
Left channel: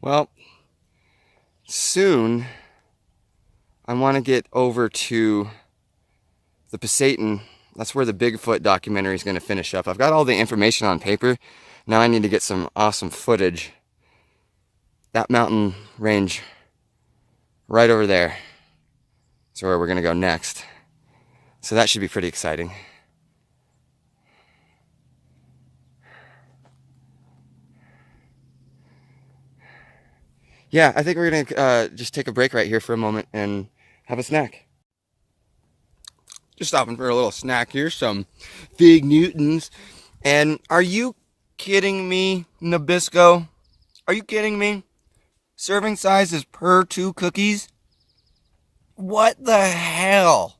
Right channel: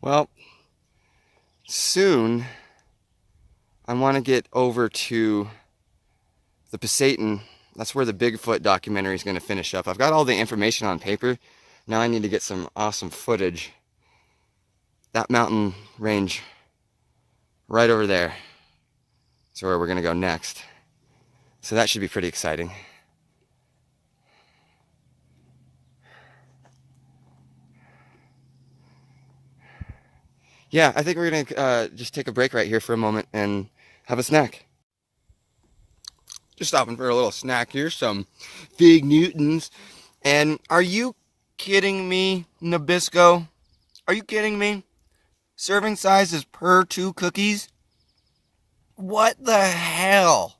Well, soon I want to get over to the Pasayten. That's where the Bigfoot documentary is going to finish up. I've got all the information on paper. Now I need to get some awesome footage. That mountain range right over there is where we're going to go next. So that should be pretty exciting. Yeah, I think we're going to just take a break right here for a moment and have a snack. Just stopping for a little snack here, some Fig Newtons. And are you kidding me, Nabisco? Are you kidding me? Serving size is per 2 cookies? What the hell?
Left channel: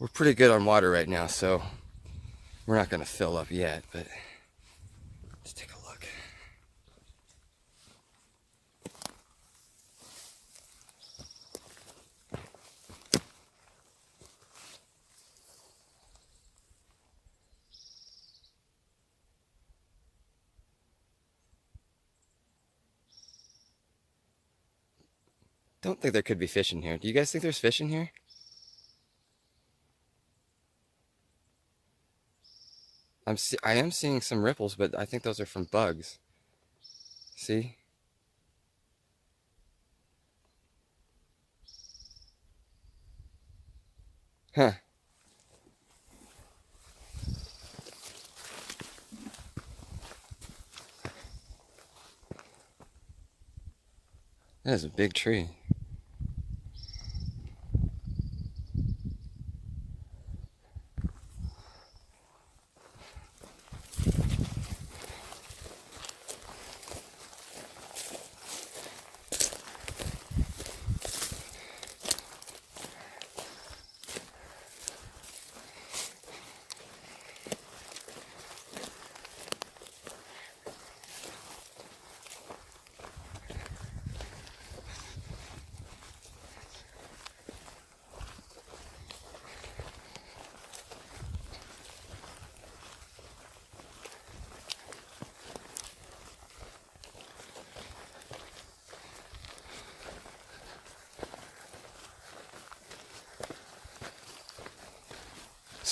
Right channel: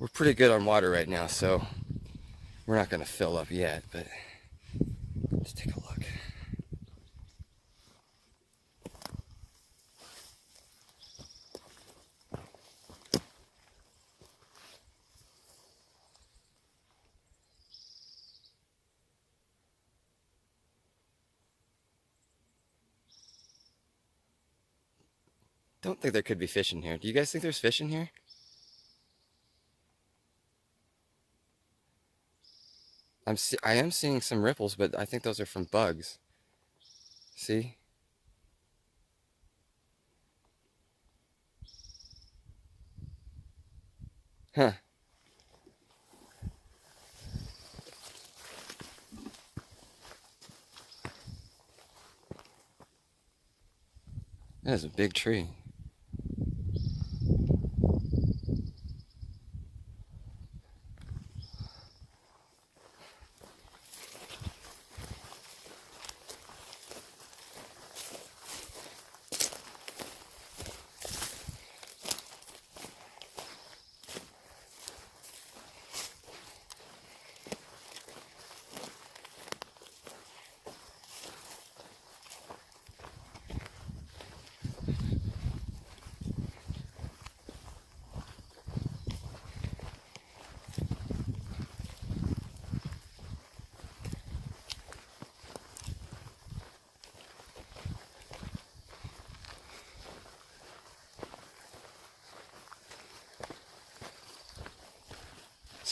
We're pretty good on water right now, so we're not going to fill up yet, but let's take a look. Don't think there could be fish in here. Do you guys think there's fish in here? I am seeing some ripples, but I think those are from bugs. See? Huh. That is a big tree.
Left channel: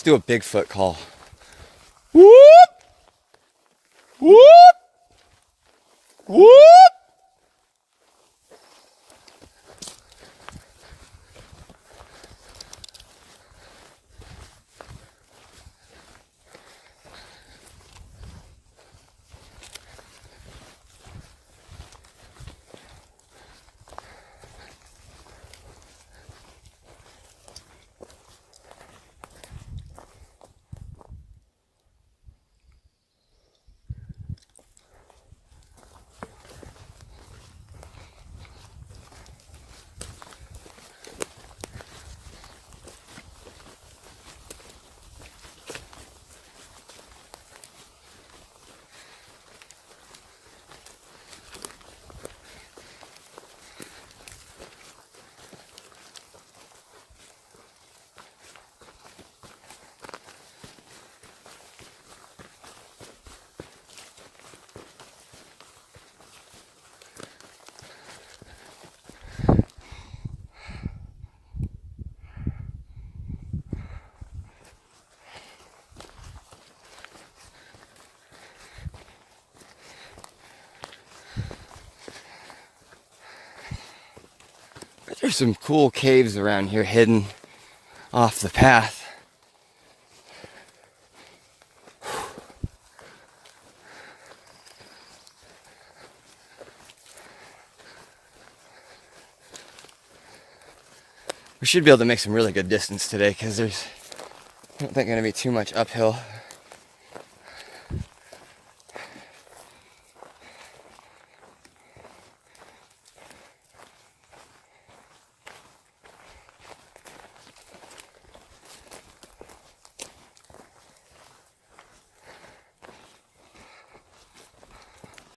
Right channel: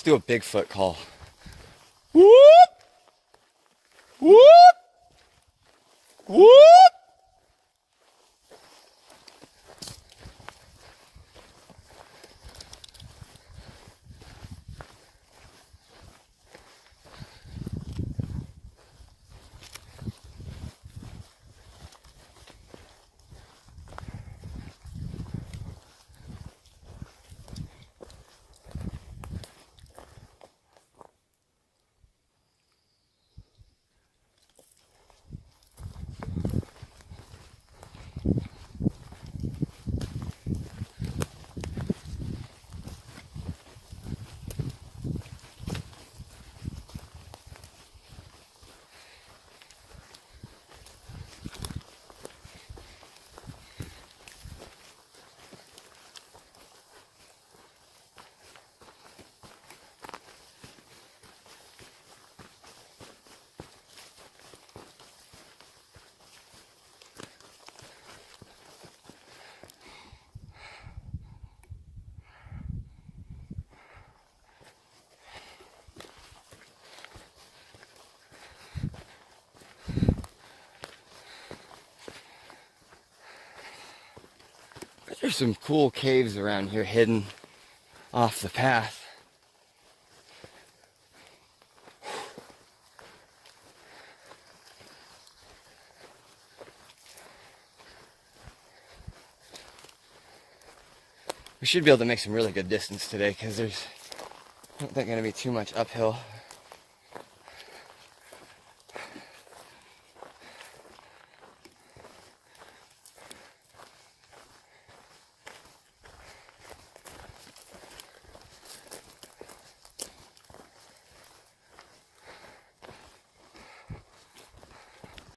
Let's do a Bigfoot call. Whoop! Whoop! Whoop! There's some cool caves around here hidden off the path. We should be able to make some really good distance today because there's not going to be too much uphill.